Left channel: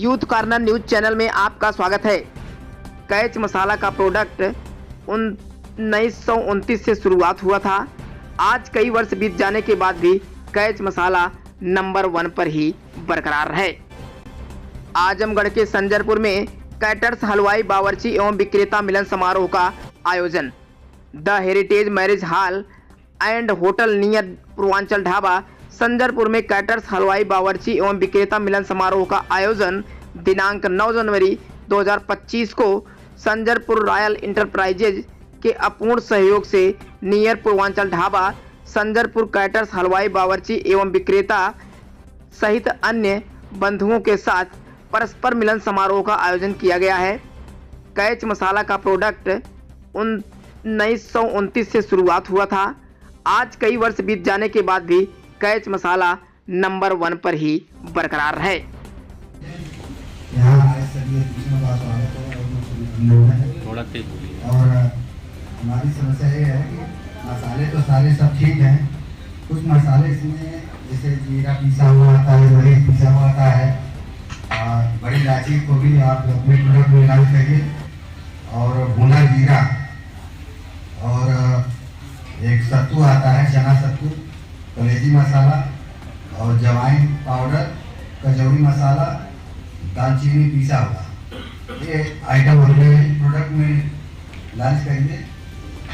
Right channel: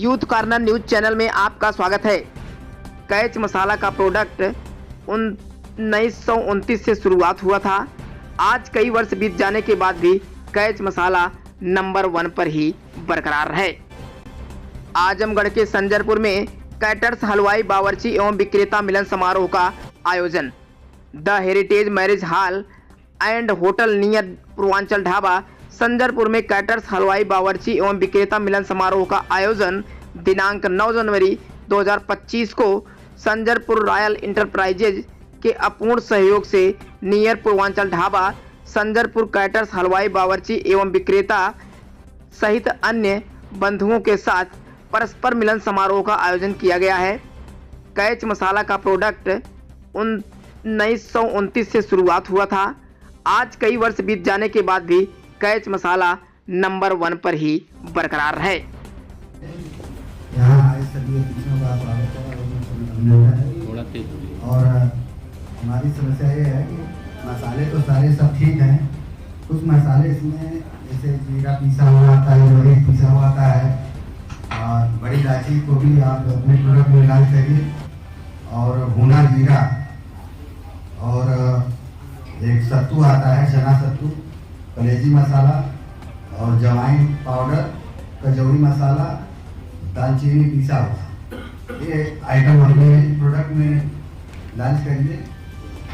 Youth corner news channel में आपका स्वागत है। कैच मसाला का प्रोडक्ट 1929 से शुरुआत हुआ था। आज कई वर्ष बीत जाने के बाद भी कैच मसाला नंबर 1 पर ही बरकरार है। आजमगढ़ के संजरपुर में कैटर्स हलवाई बावर्ची एवं विक्रेता मिलन समारोह का आयोजन। The heritage marriage hall and hotel near Purvanchal dhaba Sanjarpur में कैटर्स हलवाई बावर्ची एवं विक्रेता मिलन समारोह का आयोजन दिनांक 9 जनवरी 2025 को संजरपुर रॉयल इंटरप्राइजेज के अपूर्ण सहयोग से नियर पूर्वांचल ढाबा संजरपुर कैटर्स हलवाई बावर्ची एवं विक्रेता सहित अन्य बंधुओं के साथ परस्पर मिलन समारोह का आयोजन किया गया है। कैच मसाला का प्रोडक्ट 1929 से शुरुआत हुआ था। आज कई वर्ष बीत जाने के बाद भी कैच मसाला नंबर 1 पर ही बरकरार है। यहाँ आए सभी अतिथियों का स्वागत है थोड़ा तेज बोलिए। और हमारी समस्या ये है कि मसाले तो सारे सब ठीक हैं, कुछ मसाले इसमें जैसे जीरा पीसा हुआ आता है, मरीच पीसा हुआ आता है और बड़ी इलायची को भी आप अपने प्रोडक्ट में डाल करिए और भुना जीरा और एक सत्तू आता है, चना सत्तू, कलेजी मसाला और जवाइन पाउडर, कचौड़ी मसाला, दालचीनी पीसा हुआ, ये आइटम अपने प्रोडक्ट में लॉन्च करिए।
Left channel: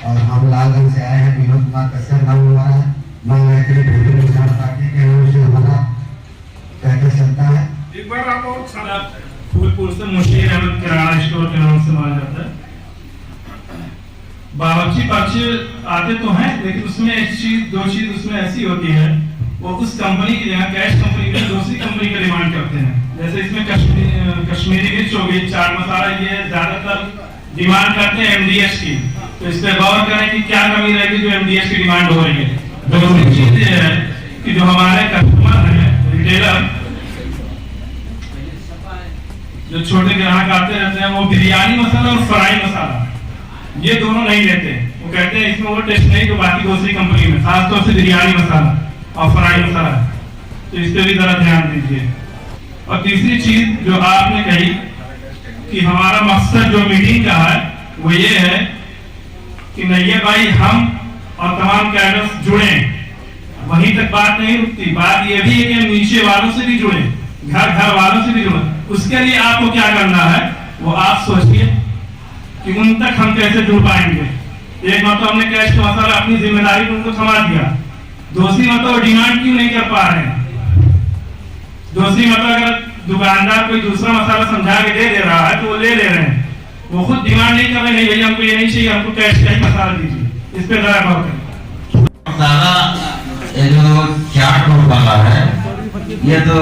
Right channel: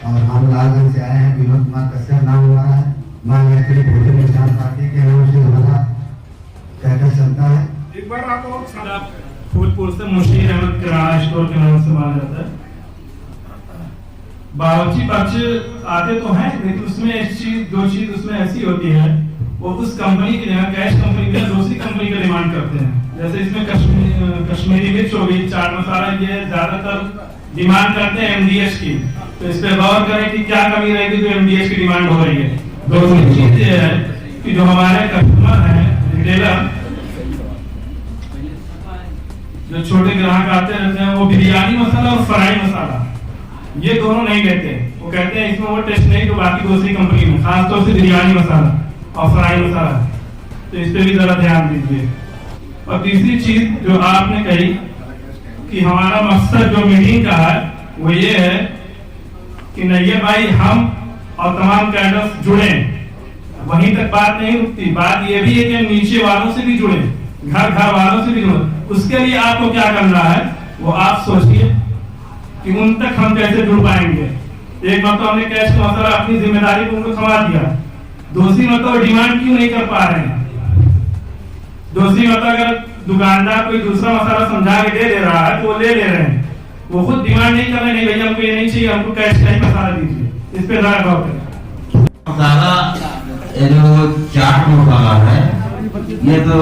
और हम लालगंज से आए हैं, विनोद कुमार कश्यप नाम हमारा है, मां गायत्री भोजन किसान पार्टी के नाम से हमारा कैटर्स चलता है। एक बार आप और सारा फूलपुर से मुश्किल अहमद किराना स्टोर के नाम से माना जाता है। बावर्ची पक्ष आते तो हैं, लेकिन उसमें एक चीज दो चीज उसमें ऐसी होती है, वो उस कंपनी के यहाँ कैश कंपनी के दूसरी कंपनी का डिमांड करते हैं। जैसे इसमें कश्मीरी मिर्च हो गई, चाट मसाला, ये ज्यादातर डिमांड करते हैं एमडीएच की। तो इस पे गौर करें कि क्या कमी रहेगी जो एमडीएच की डिमांड हो रही है। दूसरी चीज ये है कि जो हमारे कस्टमर हैं, रिटेलर, जो छोटे ग्राहक आते रहते हैं, वो बिरयानी मसाला और फ्राई मसाला ये दोनों नहीं लेते। वो कहते हैं इसमें वो टेस्ट नहीं जो बाकी दूसरी कंपनी में, खासतौर से बिरयानी मसाला और फ्राई मसाला। तो इस पे भी जरा ध्यान दीजिए। और तीसरी चीज जो आपने कही कि हमारा मकसद जो मीटिंग का है वो ये है कि नैये भाई हम और तमाम कैडर्स जुड़े, वहीं तक बात नहीं रुकती। बात ये भी है कि नीचे वालों से भी जुड़े, घर वालों से भी जुड़े। उसके लिए आपको क्या करना है वो आप सोचिए कि उन तक हम कैसे जुड़ पाएंगे। एक मतलब हमने कैश मसाला अपनी जिम्मेदारी को उनको थमा दिया, दूसरी मतलब डिमांड क्यों नहीं कर पा रहे हैं। दूसरी मतलब अगर दुकानदार कोई दूसरा मसाला समझा के दे रहा है तो वो ले रहे हैं, वो खुद डिमांड नहीं कर रहे, नहीं भैया हमको ये नहीं चाहिए, हमको कैश का ही मसाला दीजिए। इस पे जरा गौर करें। मसाला ये जो चाट मसाला है ये तो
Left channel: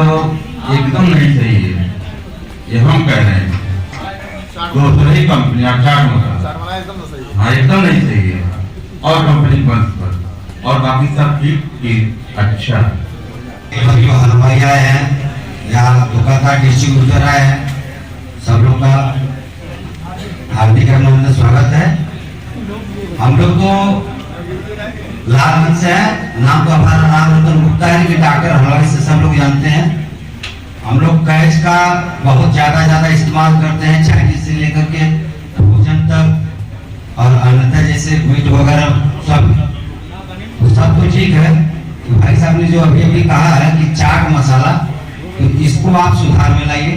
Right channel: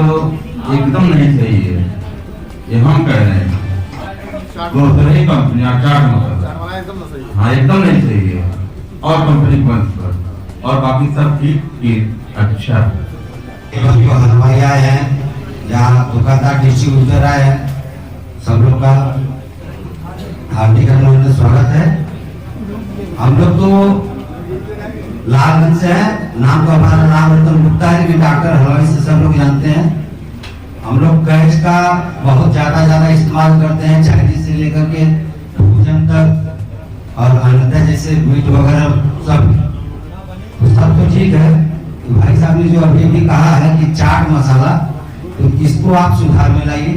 एकदम नहीं सही है, ये हम कह रहे हैं। दूसरी कंपनियां चाट मसाला हाँ एकदम नहीं सही है, और कंपनी बंद कर, और बाकी सब ठीक अच्छा है। हलवाई आए हैं, यहाँ दुकानदार डिस्ट्रीब्यूटर आए हैं, सब लोग का हार्दिक अभिनंदन स्वागत है। हम लोग तो लालगंज से हैं, नाम तो हमारा नाम रतन गुप्ता है, लेकिन डॉक्टर हलवाई से सब लोग जानते हैं। हम लोग कैच का बहुत ज्यादा इस्तेमाल करते हैं, चाइनीज से लेकर के भोजन तक और अन्यथा जैसे मीट वगैरह सब कुछ ठीक है। तो भाई साहब ने जो अभी कहा है कि चाट मसाला, तो इसको आप सुधार में लाइए।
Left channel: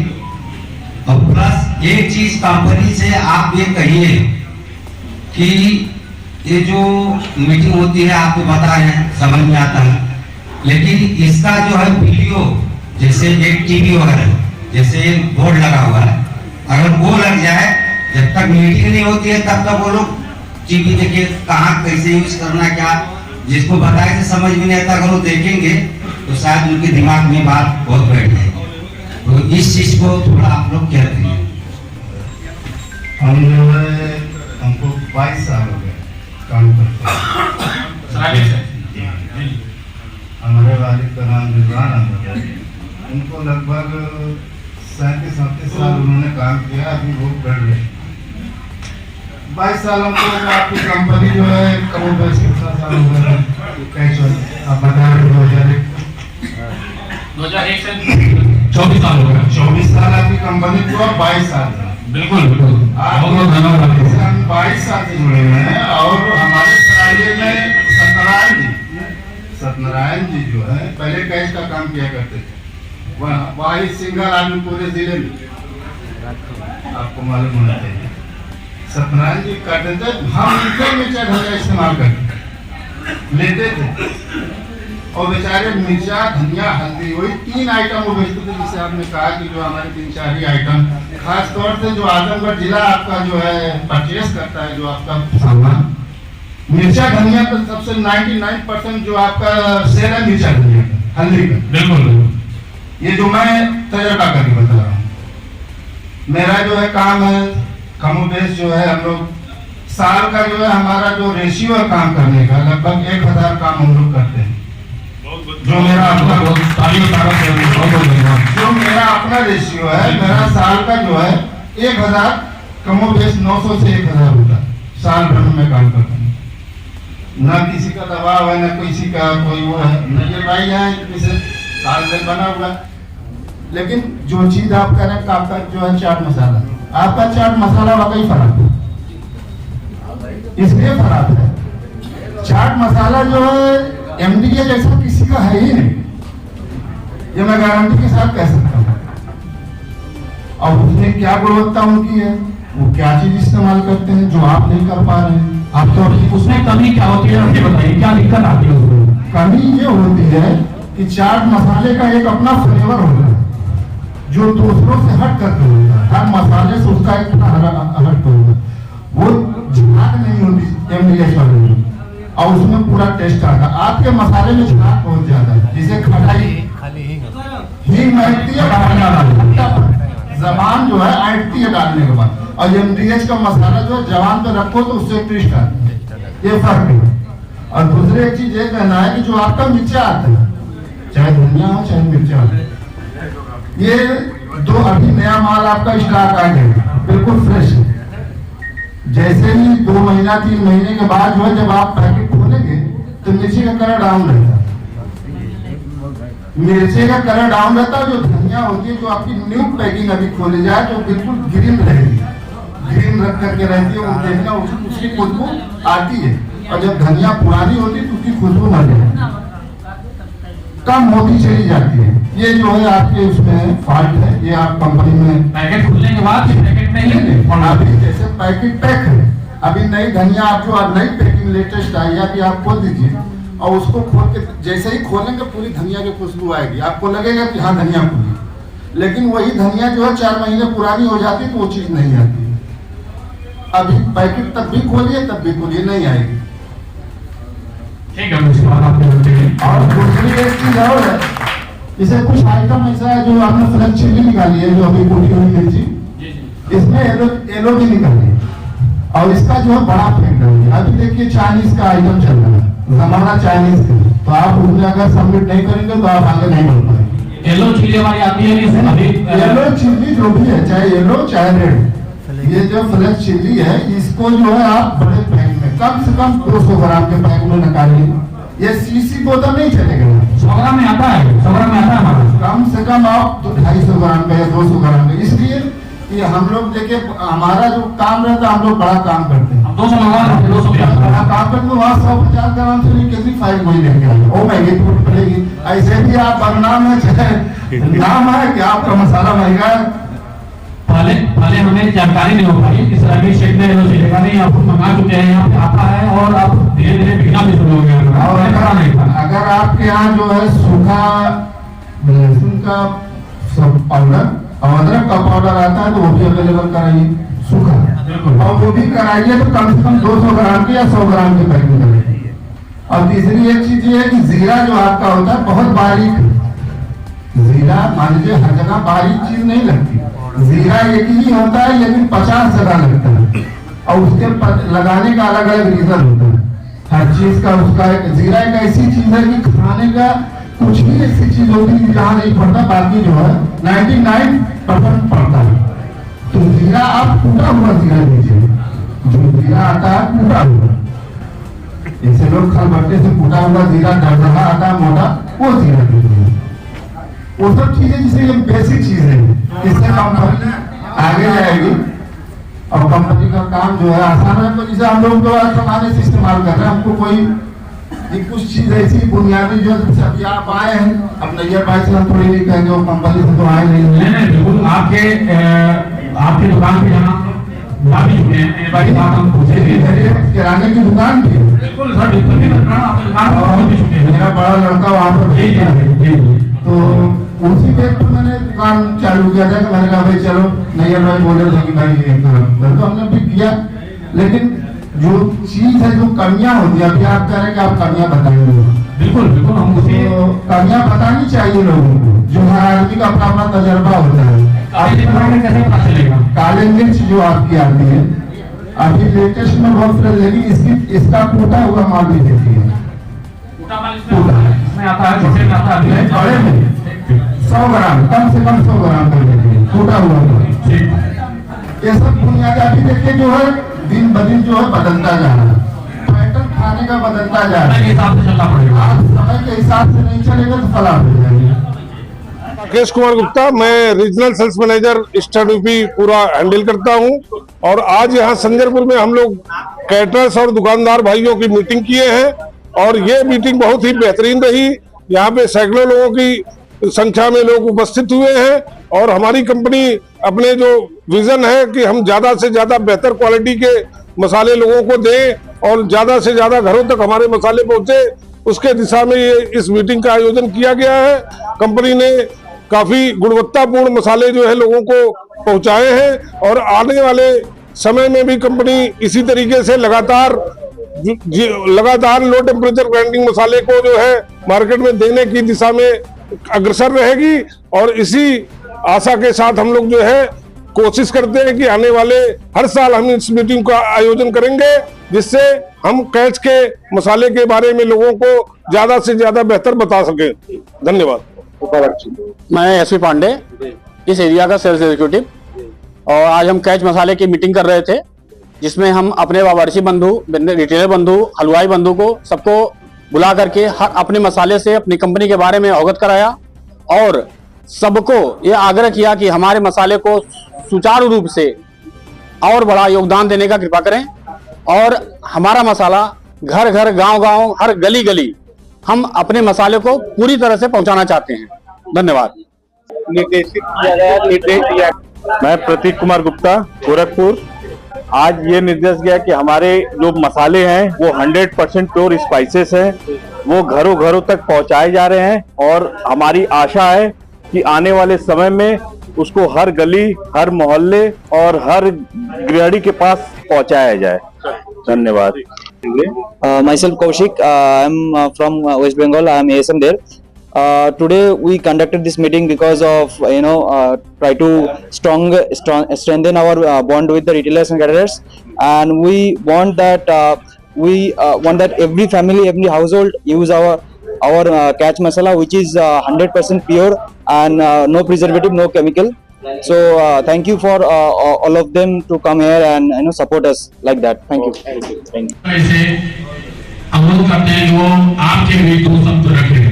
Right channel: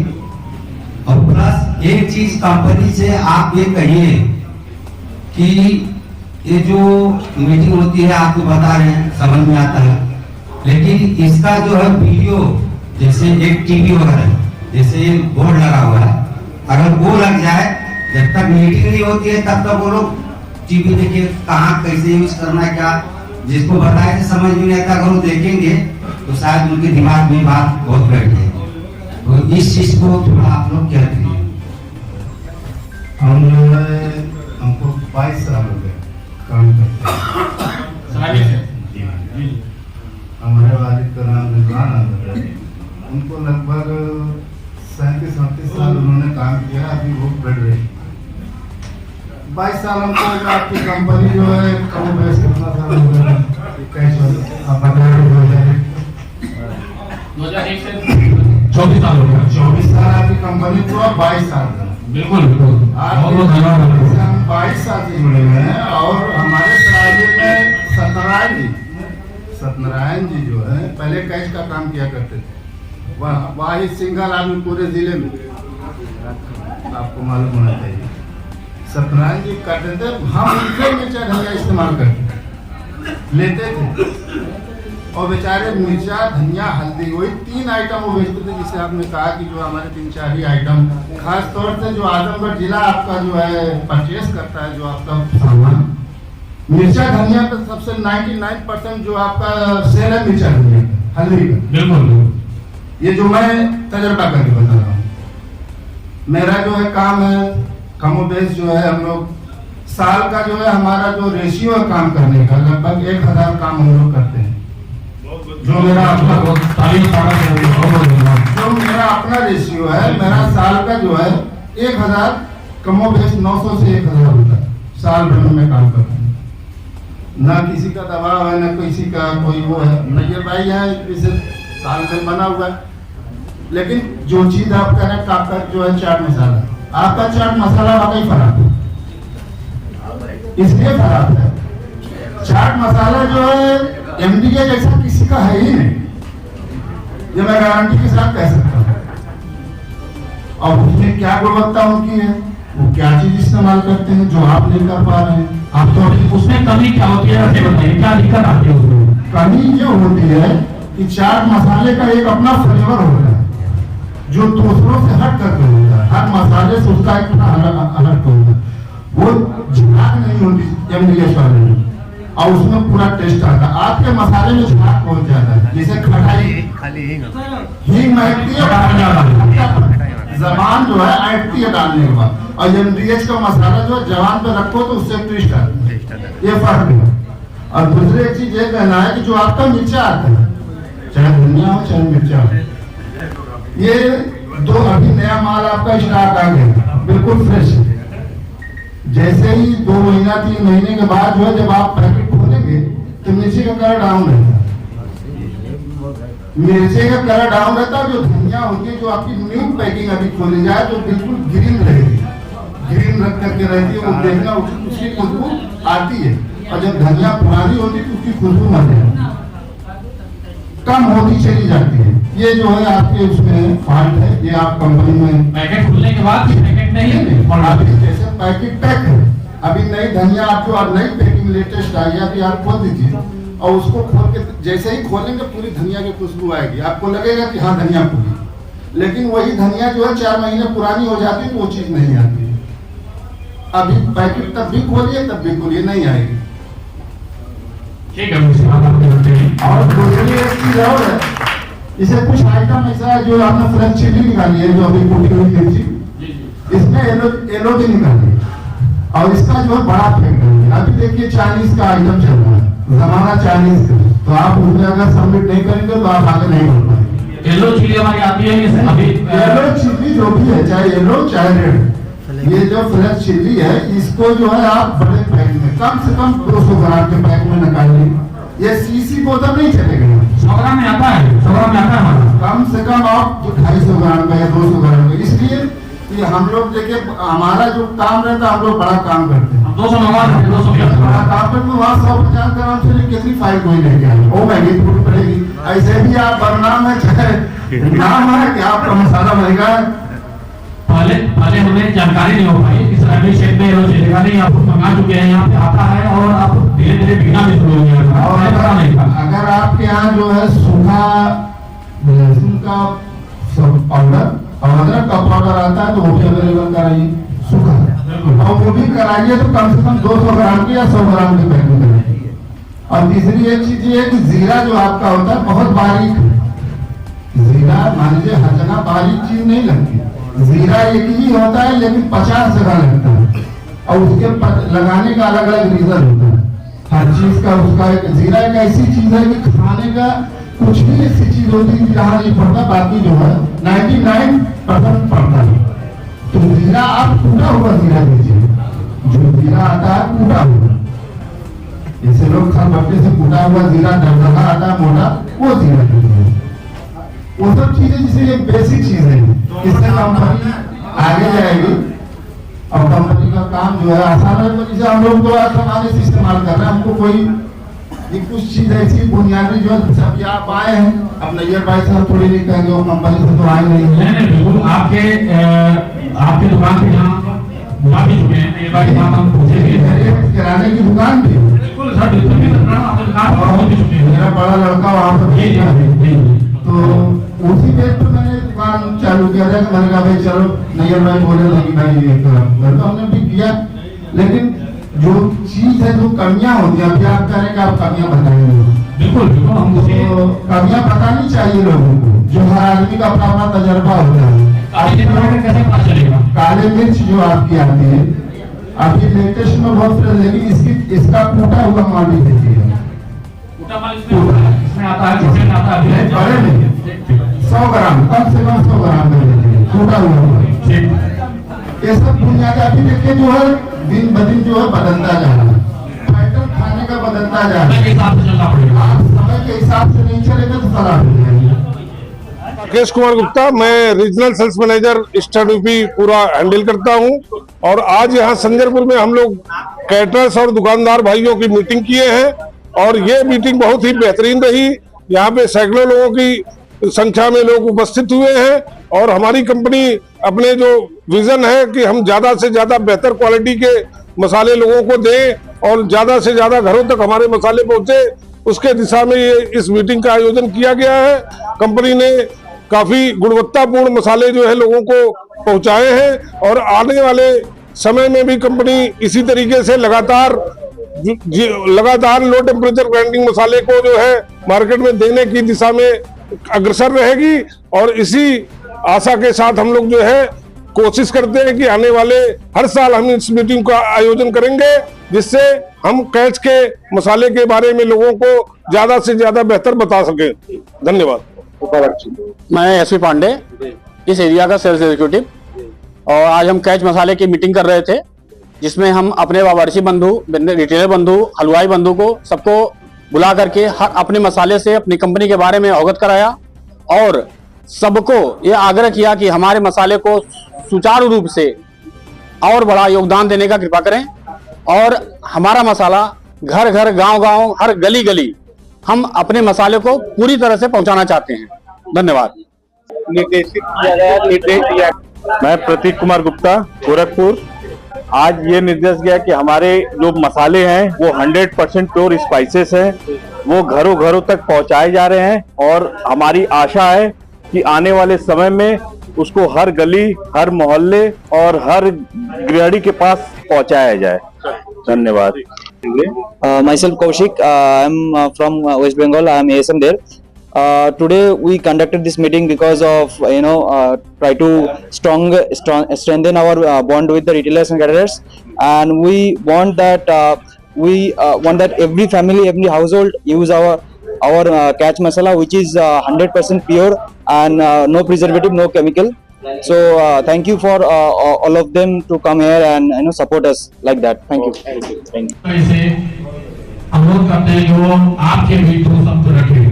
और प्लस एक चीज कंपनी से आप ये कहिए कि ये जो मीटिंग होती है आपको पता है, समझ में आता है, लेकिन इसका जो है वीडियो, जैसे एक टीवी वगैरह जैसे बोर्ड लगा हुआ है, अगर वो लग जाए, जब तक मीटिंग नहीं होती है तब तक वो लोग टीवी देखिए कहाँ कैसे यूज करना है, क्या जिसको बताए तो समझ में नहीं आता। अगर वो देखेंगे तो शायद उनके दिमाग में बात बहुत बैठ जाएगी। तो इस चीज को थोड़ा आप लोग कहते हैं। हमको 22 साल हो गए काम करते हैं। हमारे वालिद का नाम रिजवान अहमद है, उनको लगभग 37-38 साल उन्होंने काम किया, अभी वो बढ़ रहे 22 साल हमको आपकी कंपनी जो है कमो बेस कितना साल हो गया कैश आप बताइए। 2001 से 24 साल हो गए। 24 साल आपकी हुआ 22 साल। बिल्कुल बिल्कुल, बहुत बहुत धन्यवाद आपको। हम 22 साल से जुड़े हुए हैं और हमारे सराय में सत्यनारायण जी जो है पहले कैश का काम किया करते थे। वही सिंगल आदमी पूरे जिले में, आपको मालूम होना चाहिए, सत्यनारायण जी करते थे। हम उनसे मिर्चा धनिया इस्तेमाल करते लेते थे और बेचारे मिर्चा धनिया हल्दी वही 3 आइटम वो बेचते थे, जिसे आपने कहा कि जो हमारे 3-4 ही आइटम, खास तौर से जो आजमगढ़ जिला आपका जो है परचेस करता है जो आपका सामान मिर्चा धनिया का सबसे 99% जो आपका शेयर है मिर्चा धनिया का, हल्दी का। बिल्कुल, ये जो मैं तजर्बा करके बता रहा हूँ, मेरा जो है काम है कमोबेश जो है हम लोग साल का जो है हमारा जो रेशियो है काम करने का लगभग 1000 काम हम लोग करते हैं। जो मेरा अपना रेशियो है, मेरा साल का जो है 1000 कमोबेश 900 से 1000 होता है साल भर में मैं काम करता हूँ। न किसी का दबाव है, न किसी का कोई वो है, न ये भाई है जिसे साल से बना हुआ है। लेकिन जो चीज आप कह रहे हैं आपका जो है चाट मसाला, आपका चाट मसाला वाकई खराब है, इसलिए खराब है। चाट मसाला जो है एमडीए जैसा किसी का है ही नहीं, ये मैं गारंटी के साथ कह सकता हूँ। और उसमें क्या गुणवत्ता उनकी है, वो क्या चीज इस्तेमाल करते हैं जो आप नहीं कर पा रहे हैं। आप तो उसमें कमी क्या होती है बताइए, क्या दिक्कत आती है उसमें? कमी ये होती है कि चाट मसाले का एक अपना फ्लेवर होता है जो दूसरों से हट करके होता है, हर मसाले से उसका एक अलग होता है, वो झाग नहीं होती एमडीएच वाले में, और उसमें पूरा टेस्ट आता है। आपके मसाले में झाग बहुत ज्यादा है, जैसे खटाई हींग महकती है, जबान जो है ऐंठती है डालने के बाद, और एमडीएच का मसाला जो है जबान पे रखो तो उससे ट्विस्ट आता है, ये फर्क है। और दूसरी एक चीज ये कहना है कि जो आपका मिर्चा आता है, चाहे धनिया हो चाहे मिर्चा हो, ये दो अभी नया माल आपका स्टॉक आ गया बिल्कुल फ्रेश है। जैसे ही 2 महीना 3 महीने के बाद जो है जब आप पैकेट खोलेंगे तो मिर्ची का कलर डाउन रहता है, मिर्ची का कलर डाउन रहता है। जो धनिया होती है जो आपकी न्यू पैकिंग अभी खोली जाए तो बिल्कुल ग्रीन रहेगी, ग्रीन रख करके रहती है, वो देखना उसकी खुशबू आती है। और जब धनिया पुरानी होती है तो उसकी खुशबू ना जाए, कम होती चली जाती है। ये जो है आपके उसमें फॉल्ट है, ये आप कंपनी में पैकेट खुलने के बाद पैकेट नहीं और अभी जैसे पैकेट पैक है, अभी नई धनिया आप जो नई पैकिंग लेटेस्ट आई है अभी आप खोल दीजिए और उसको खोल के जैसे ही खोलेंगे पूरी धनिया की खुशबू आएगी, आपको लगेगा कि हाँ धनिया खुली। लेकिन वही धनिया जो है 4 महीने पुरानी हो जाती है तो वो चीज नहीं आती है। अभी पैकेट तब भी खोलिए तब भी खोलिए नहीं आएगी। ठीक है, और दूसरी एक चीज और है, इसे कुछ आइटम ऐसा जो आपने फ्रेंच चिल्ली निकाली है जो अभी कुटी हुई मिर्ची, इसमें येलो भी निकाली है और इसका जो है बड़ा फेंक है। अभी देखिए चाइनीज का आइटम चल रहा है, जमाना चाइनीज का, तो आप उसमें अगर सबमिट नहीं करेंगे तो आप आगे नहीं बढ़ पाएंगे। येलो चिल्ली हमारी आती है, येलो चिल्ली जो भी है चाहे येलो चाहे रेड, ये जो फ्रेंच चिल्ली है इसको जो है आप बड़े पैक में कम से कम 200 ग्राम के पैक में निकालिए। ये सीसी बोतल नहीं चलेगा, 100 ग्राम में आता है, 100 ग्राम में आता है हमारा। कम से कम आप 250 ग्राम का या 200 ग्राम का, इसलिए कि हम लोग देखिए हमारा जो काम रहता है हम लोग बड़ा काम करते हैं, 200 मंगवा सकते, 200 ग्राम बड़ा काम करते हैं। वहाँ 150 ग्राम से लेकर कितनी फाइल कोई लेके आए, वो महंगी टूट पड़ेगी। ऐसे भी आप बदनाम है, चाहे नाम है कि आपका मसाला महंगा है। पहले हमें जानकारी नहीं हो पाई इस रबी शेड में नहीं, आप मंगा चुके हैं, यहाँ पे आता है और आप धीरे धीरे बिकना भी शुरू हो गया। और अगर आपके यहाँ जो है सूखा लहसुन का पाउडर और अदरक का पाउडर आता है तो वो भी अवेलेबल कराइए, सूखा, और वो भी कराइए तो कम से कम 200 ग्राम की या 100 ग्राम की पैकिंग कराइए। और तीसरी एक चीज ये है कि जीरा जो आपका होता है बहुत बारीक, जीरा मान लीजिए हर जगह बारीक चीज नहीं लगती, जीरा एक ही होता है लेकिन 50 जगह लगता है और उसके लगाने का अलग अलग रीजन होता है हर चीज का। उसका एक जीरा एक ऐसी चीज है कि खाने का कुछ भी ऐसी चीज होती है जहाँ नहीं पड़ता, बाकी जो है 99% पड़ता है। तो जीरा आप टूटा हुआ जीरा दीजिए, जो जीरा आता है टूटा हुआ, ऐसे लोग खलबट्टे से टूटा हुआ जीरा दरदरा आता है मोटा, वो जीरा दीजिए। वो सब चीजें जिसे ये बेसिक चीज है, इससे कंपनी आगे जाएगी और कंपनी का काम जो है आसान है। तो जैसे हम लोग तो सामान्य से इस्तेमाल कर रहे हैं, हमको कोई ये कुछ चीज ऐसी बुनियादी जो सब आप आए हैं, अब नैयर भाई से हम थोड़ी नहीं कहेंगे, वो कंपनी से तो आए नहीं है। बिल्कुल आपके दुकान पे जहाँ जा भी चुके हैं, एक बार बात हम पूछेंगे। किराने की दुकान थी, बिल्कुल सर, बिल्कुल भी आपकी दुकान पर पहुंच भी चुके हैं। मेरा बड़ा लड़का वहाँ पर तो उसी डेट पर मैंने दुकान चालू किया था कि मैंने कहा भाई चलो नैयर भाई बोले थे कि भाई ये तो हमने भी किया। लेकिन जो चीज है, जो कमियां होती है, अभी आप कह रहे हैं कि आप कमियां बताएंगे, बिल्कुल बिल्कुल हम तो कमियां बतानी चाहिए लोगों को, जो हर आदमी का अपना अपना तजर्बा होता है। कैसे पता चलेगा? काले मिर्च जो आपकी आती है, अब ये लेटेस्ट में बहुत फ्रेश, लेकिन इसका टूटा हुआ माल भी देती है। इसमें आता है, छोटे में आता है, बड़े में 100 ग्राम, कम से कम 100 ग्राम दे देती है टूटा हुआ माल। ये सब बुनियादी अभी देखिए जो है दिन ब दिन जो है बदलता जा रहा है, पैटर्न खाने का बदलता जा रहा है, हिसाब से चलना पड़ेगा। आप समय के हिसाब से नहीं चलेगा तो खराब हो जाएगा। राकेश कुमार गुप्ता, मैं regional sales manager eastern UP पूरा हैंडल करता हूं। और आज यहाँ संजरपुर में हम लोग कैटरर्स और दुकानदार भाइयों की मीटिंग किए हैं और ये मीटिंग बहुत ही बेहतरीन रही। यहाँ पे सैकड़ों लोगों की संख्या में लोग उपस्थित हुए हैं और हमारी कंपनी अपने जो विजन है कि हम ज्यादा से ज्यादा बेहतर क्वालिटी के मसाले लोगों को दें और ज्यादा से ज्यादा घरों तक हमारे मसाले पहुंचे, उसके दिशा में ये इस मीटिंग का आयोजन किया गया है। कंपनी ने काफी गुणवत्तापूर्ण मसाले जो है लोगों को पहुंचाए हैं और आने वाले समय में भी कंपनी इसी तरीके से लगातार लो टेम्परेचर ग्राइंडिंग मसाले को जो है मार्केट में देने की दिशा में अग्रसर रहेगी। और इसी आशा के साथ हम लोग जो है कोशिश करते हैं कि आने वाले हर साल हम इस मीटिंग का आयोजन करेंगे, जिससे हम कैच के मसाले के बारे में लोगों को ज्यादा से ज्यादा बेहतर बता सकें। धन्यवाद। मैं एसपी पांडे, इस एरिया का सेल्स एग्जीक्यूटिव, और आज हम कैच मसाले की मीटिंग कर रहे थे, जिसमें हम अपने बावर्ची बंधु, रिटेलर बंधु, हलवाई बंधु को सबको बुला करके अपने मसाले से अपनी कंपनी के बारे में अवगत कराया और सबको ये आग्रह किया कि हमारे मसाले को सुचारू रूप से और बड़ा योगदान देने का कृपा करें और हमारा मसाला घर घर, गांव गांव, हर गली गली हम अपने मसाले को पूरी तरह से पहुंचाना चाहते हैं। धन्यवाद। निर्देशित किया गया, मैं प्रतीक कुमार गुप्ता, गोरखपुर। आज ये निर्देश गया कि हमारे जो मसाले हैं वो 100% प्योर स्पाइसेस हैं, वो घरों घरों तक पहुंचाए जा रहे हैं और हमारी आशा है कि आने वाले समय में उसको हर गली, हर मोहल्ले और हर गृहिणी के पास पहुंचाया जाए। धन्यवाद। Myself Kaushik, I am from West Bengal. I am ASM there. Today we conducted this meeting because of try to strengthen our bond with the retailers and caterers, and we want that every family, every household use our catch masala, which is 100% pure and no preservative, no chemical. So thank you for all of them to come here and support us like that. Thank you. Thank you. ऐसे अनुरोध करते हैं जो आपके भी दो शब्द रखें।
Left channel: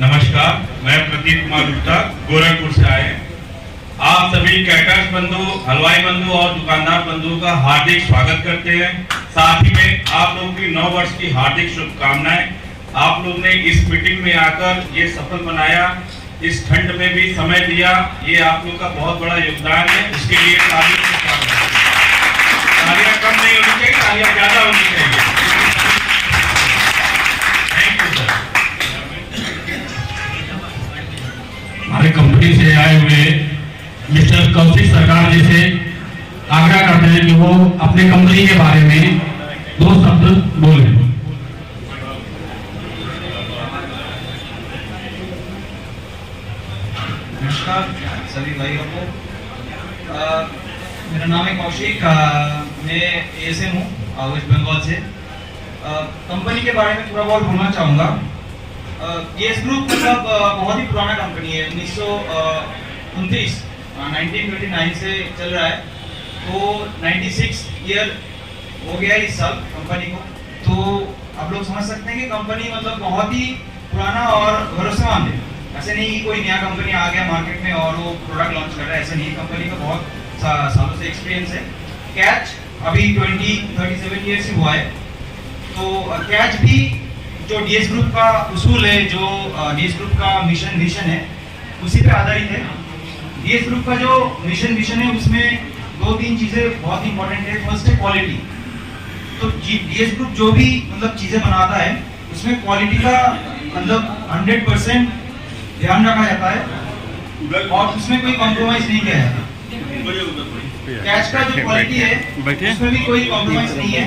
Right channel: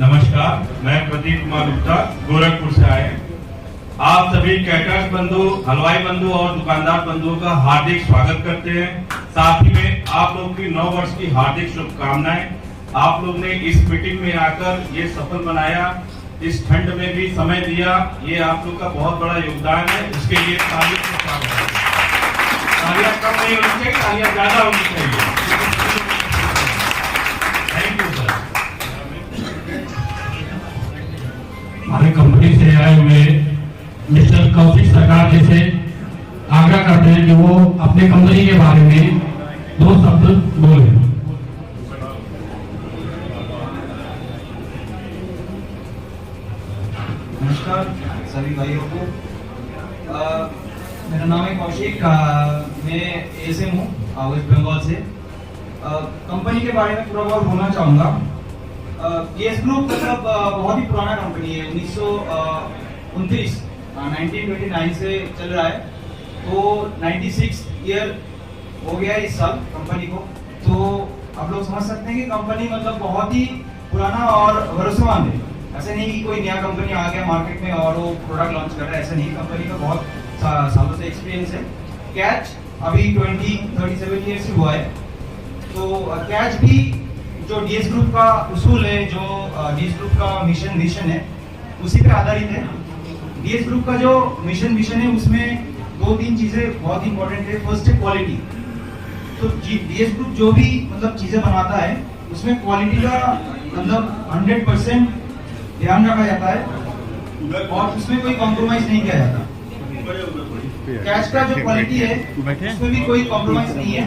नमस्कार, मैं प्रतीक कुमार गुप्ता, गोरखपुर से आए। आप सभी कैटर्स बंधु, हलवाई बंधु और दुकानदार बंधुओं का हार्दिक स्वागत करते हैं। साथ ही में आप लोगों की 9 वर्ष की हार्दिक शुभकामनाएं। आप लोग ने इस मीटिंग में आकर ये सफल बनाया, इस ठंड में भी समय दिया, ये आप लोग का बहुत बड़ा योगदान है। इसके लिए तालियां कम नहीं होनी चाहिए, तालियां ज्यादा होनी चाहिए। Thank you sir. हमारी कंपनी से आए हुए मिस्टर कौशिक सरकार जी से आग्रह करते हैं कि वो अपने कंपनी के बारे में 2 शब्द बोलें। नमस्कार सभी भाइयों को। मेरा नाम है कौशिक, मैं एएसएम हूँ वेस्ट बंगाल से। कंपनी के बारे में थोड़ा बहुत बोलना चाहूँगा। केस ग्रुप मतलब बहुत ही पुराना कंपनी है, 1929 से चल रहा है, तो 96 ईयर हो गया इस साल कंपनी को। तो आप लोग समझ सकते हैं कि कंपनी मतलब बहुत ही पुराना और भरोसेमंद है। ऐसे नहीं कि कोई नया कंपनी आ गया मार्केट में और वो प्रोडक्ट लॉन्च कर रहा है, ऐसा नहीं। कंपनी का बहुत सालों से एक्सपीरियंस है। कैच अभी 37 ईयर्स से हुआ है। तो कैच भी जो डीएस ग्रुप का उसूल है, जो डीएस ग्रुप का मिशन है, उसी पे आधारित है। डीएस ग्रुप का जो मिशन है उसमें 2-3 चीजें बहुत इंपॉर्टेंट है। फर्स्ट है क्वालिटी। तो डीएस ग्रुप जो भी मतलब चीजें बनाता है उसमें क्वालिटी का मतलब 100% ध्यान रखा जाता है और उसमें कोई कॉम्प्रोमाइज नहीं किया जाता। कैच का जो क्वालिटी है उसमें भी कोई कॉम्प्रोमाइज नहीं है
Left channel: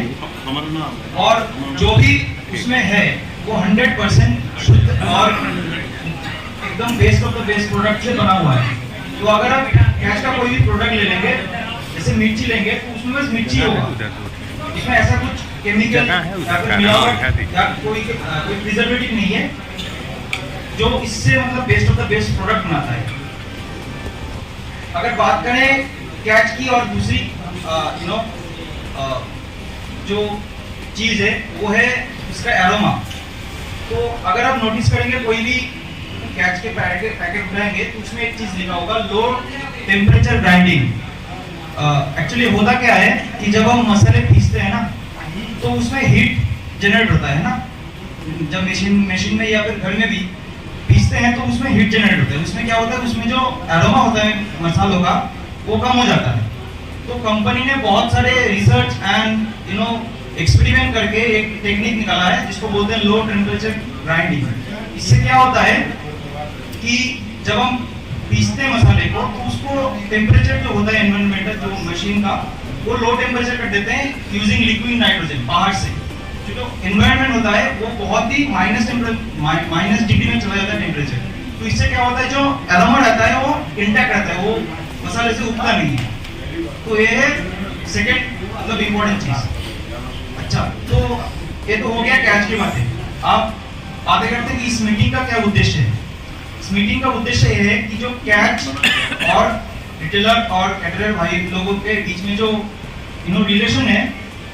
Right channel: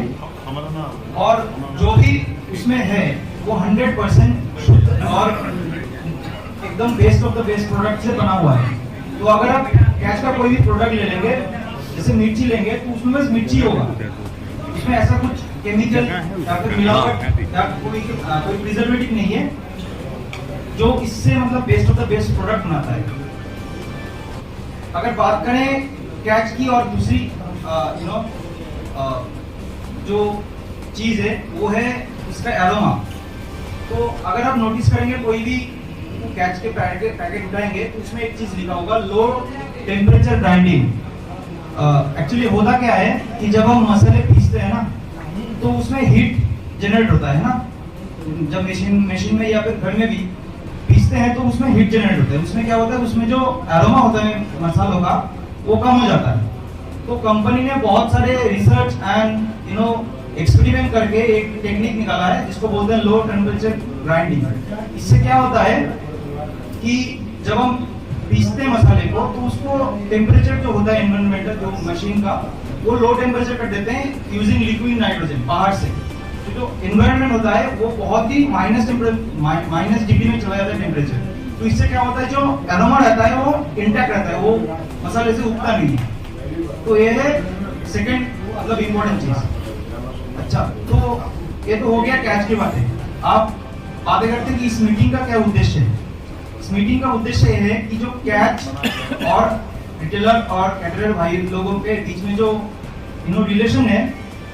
और जो भी उसमें है वो 100% शुद्ध और एकदम best of the best product से बना हुआ है। तो अगर आप कैच का कोई भी प्रोडक्ट ले लेंगे, जैसे मिर्ची लेंगे, तो उसमें बस मिर्ची होगा, इसमें ऐसा कुछ केमिकल या फिर मिलावट या कोई प्रिजर्वेटिव नहीं है जो इससे मतलब best of the best product बनाता है। अगर बात करें कैच की और दूसरी जो चीज है वो है उसका एरोमा। तो अगर आप नोटिस करेंगे कोई भी कैच के पैकेट उठाएंगे तो उसमें एक चीज लिखा होगा, लो टेम्परेचर ग्राइंडिंग। एक्चुअली होता क्या है कि जब हम मसाले पीसते हैं ना तो उसमें हीट जनरेट होता है ना, जब मशीन में या फिर घर में भी पीसते हैं तो उसमें हीट जनरेट होता है। उसमें क्या होता है, उसमें जो एरोमा होता है मसालों का वो कम हो जाता है। तो कंपनी ने बहुत सारे रिसर्च एंड एक्सपेरिमेंट करके एक टेक्निक निकाला है जिसको बोलते हैं लो टेम्परेचर ग्राइंडिंग। इससे क्या होता है कि जब हम पीसते हैं मसाले को तो उसको टेम्परेचर जो होता है एनवायरमेंटल जो मशीन का वो लो टेम्परेचर कर देते हैं यूजिंग लिक्विड नाइट्रोजन बाहर से। जो एनवायरमेंट होता है वो बहुत ही माइनस डिग्री में चला जाता है टेम्परेचर। तो इससे क्या होता है, जो एरोमा रहता है वो इंटैक्ट रहता है, वो मसाले से उगता नहीं है। तो ये है सेकंड मतलब इम्पोर्टेंट चीज। अच्छा, तो ये तो हो गया कैच की बातें। आप बातें करते हैं कि इस मीटिंग का क्या उद्देश्य है। इस मीटिंग का उद्देश्य ये है कि जो कैच और रिटेलर और कैटरर भाई लोगों के बीच में जो रिलेशन है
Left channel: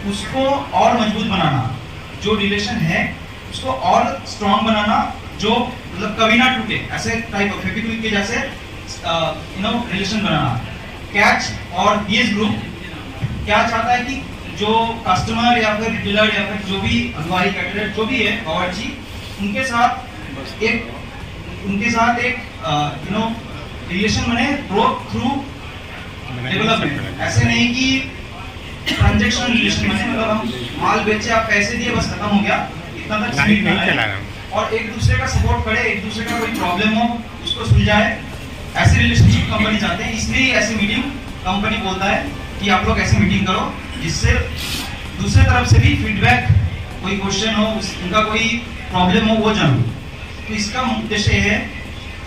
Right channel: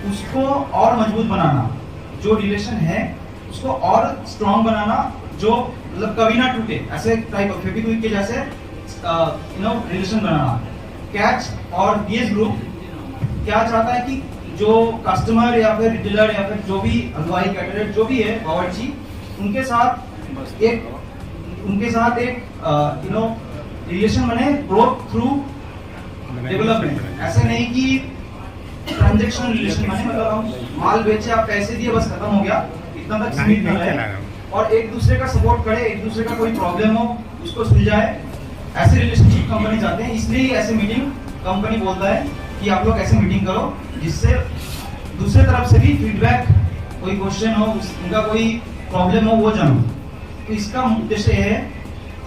उसको और मजबूत बनाना, जो रिलेशन है उसको और स्ट्रॉन्ग बनाना, जो मतलब कभी ना टूटे, ऐसे टाइप ऑफ फेविक्विक के जैसे रिलेशन बनाना। कैच और डीएस ग्रुप क्या चाहता है कि जो कस्टमर या फिर रिटेलर या फिर जो भी हलवाई कैटरर जो भी है बावर्ची, उनके साथ एक रिलेशन बने ग्रोथ थ्रू डेवलपमेंट। ऐसे नहीं कि ट्रांजैक्शन रिलेशन बने, मतलब हम माल बेचे आप पैसे दिए बस खत्म हो गया, इतना तक सीमित ना रहे और एक दूसरे का सपोर्ट करे, एक दूसरे का कोई प्रॉब्लम हो उसको सुलझाए। ऐसे रिलेशनशिप कंपनी चाहते हैं, इसलिए ऐसी मीटिंग कंपनी बोलता है कि आप लोग ऐसी मीटिंग करो जिससे दूसरे तरफ से भी फीडबैक, कोई क्वेश्चन हो, उनका कोई प्रॉब्लम हो वो जानो। तो इसका उद्देश्य है।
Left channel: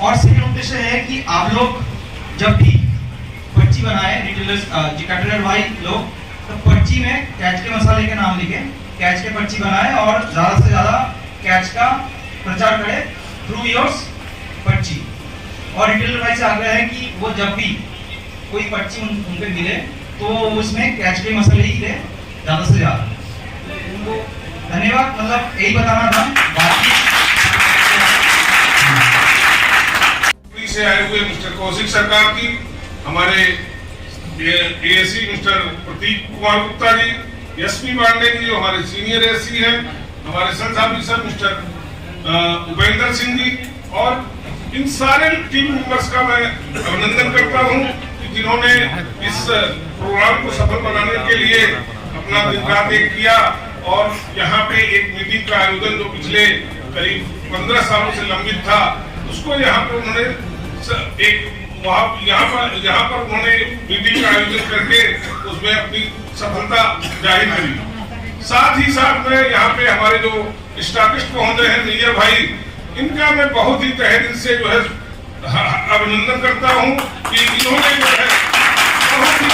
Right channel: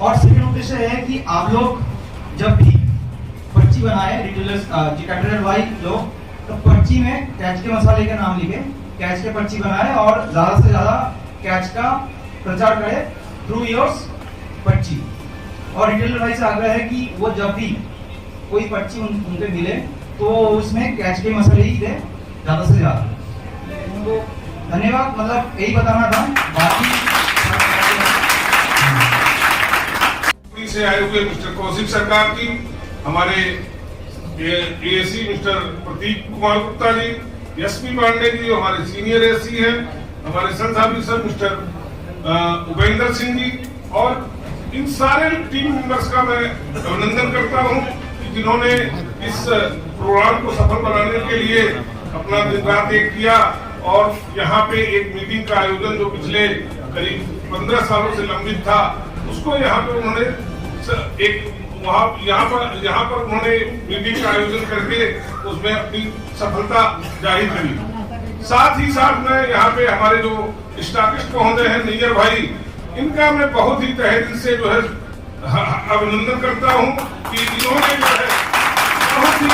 और सेकंड उद्देश्य है कि आप लोग जब भी पर्ची बनाए, रिटेलर्स कैटरर भाई लोग, तो पर्ची में कैच के मसाले के नाम लिखे, कैच के पर्ची बनाए और ज्यादा से ज्यादा कैच का प्रचार करें थ्रू योर्स पर्ची। और रिटेलर भाई से आग्रह है कि वो जब भी कोई पर्ची उनको मिले तो उसमें कैच के मसाले ही दे ज्यादा से ज्यादा। तो धन्यवाद, मतलब यही बताना था। बाकी से आए हुए मिस्टर कौशिक सरकार की, हमारे ASC mister Pratik Kumar Gupta ji, SP Pandey ji जो हमारे सीनियर एएससी हैं, हमारे sales officer mister Upendra Singh ji, और इन सारे टीम मेंबर्स का मैं अभिनंदन करता हूं कि जिन्होंने इस प्रोग्राम को सफल बनाने के लिए अपना दिन रात एक किया और यहाँ पे एक मीटिंग का आयोजन जो पिछले करीब 15 सालों से लंबित था उसको यहाँ पे उन्होंने यहाँ पर उन्होंने मीटिंग का आयोजन करके उसमें अपनी सफलता जाहिर करी। साथ ही साथ में यहाँ पे हमारे जो स्टॉकिस्ट पहुंचे हैं मेजर भाई, इनका मैं बहुत ही तहे दिल से जो है अभिनंदन करता हूँ कि इन्होंने जो है बहुत ही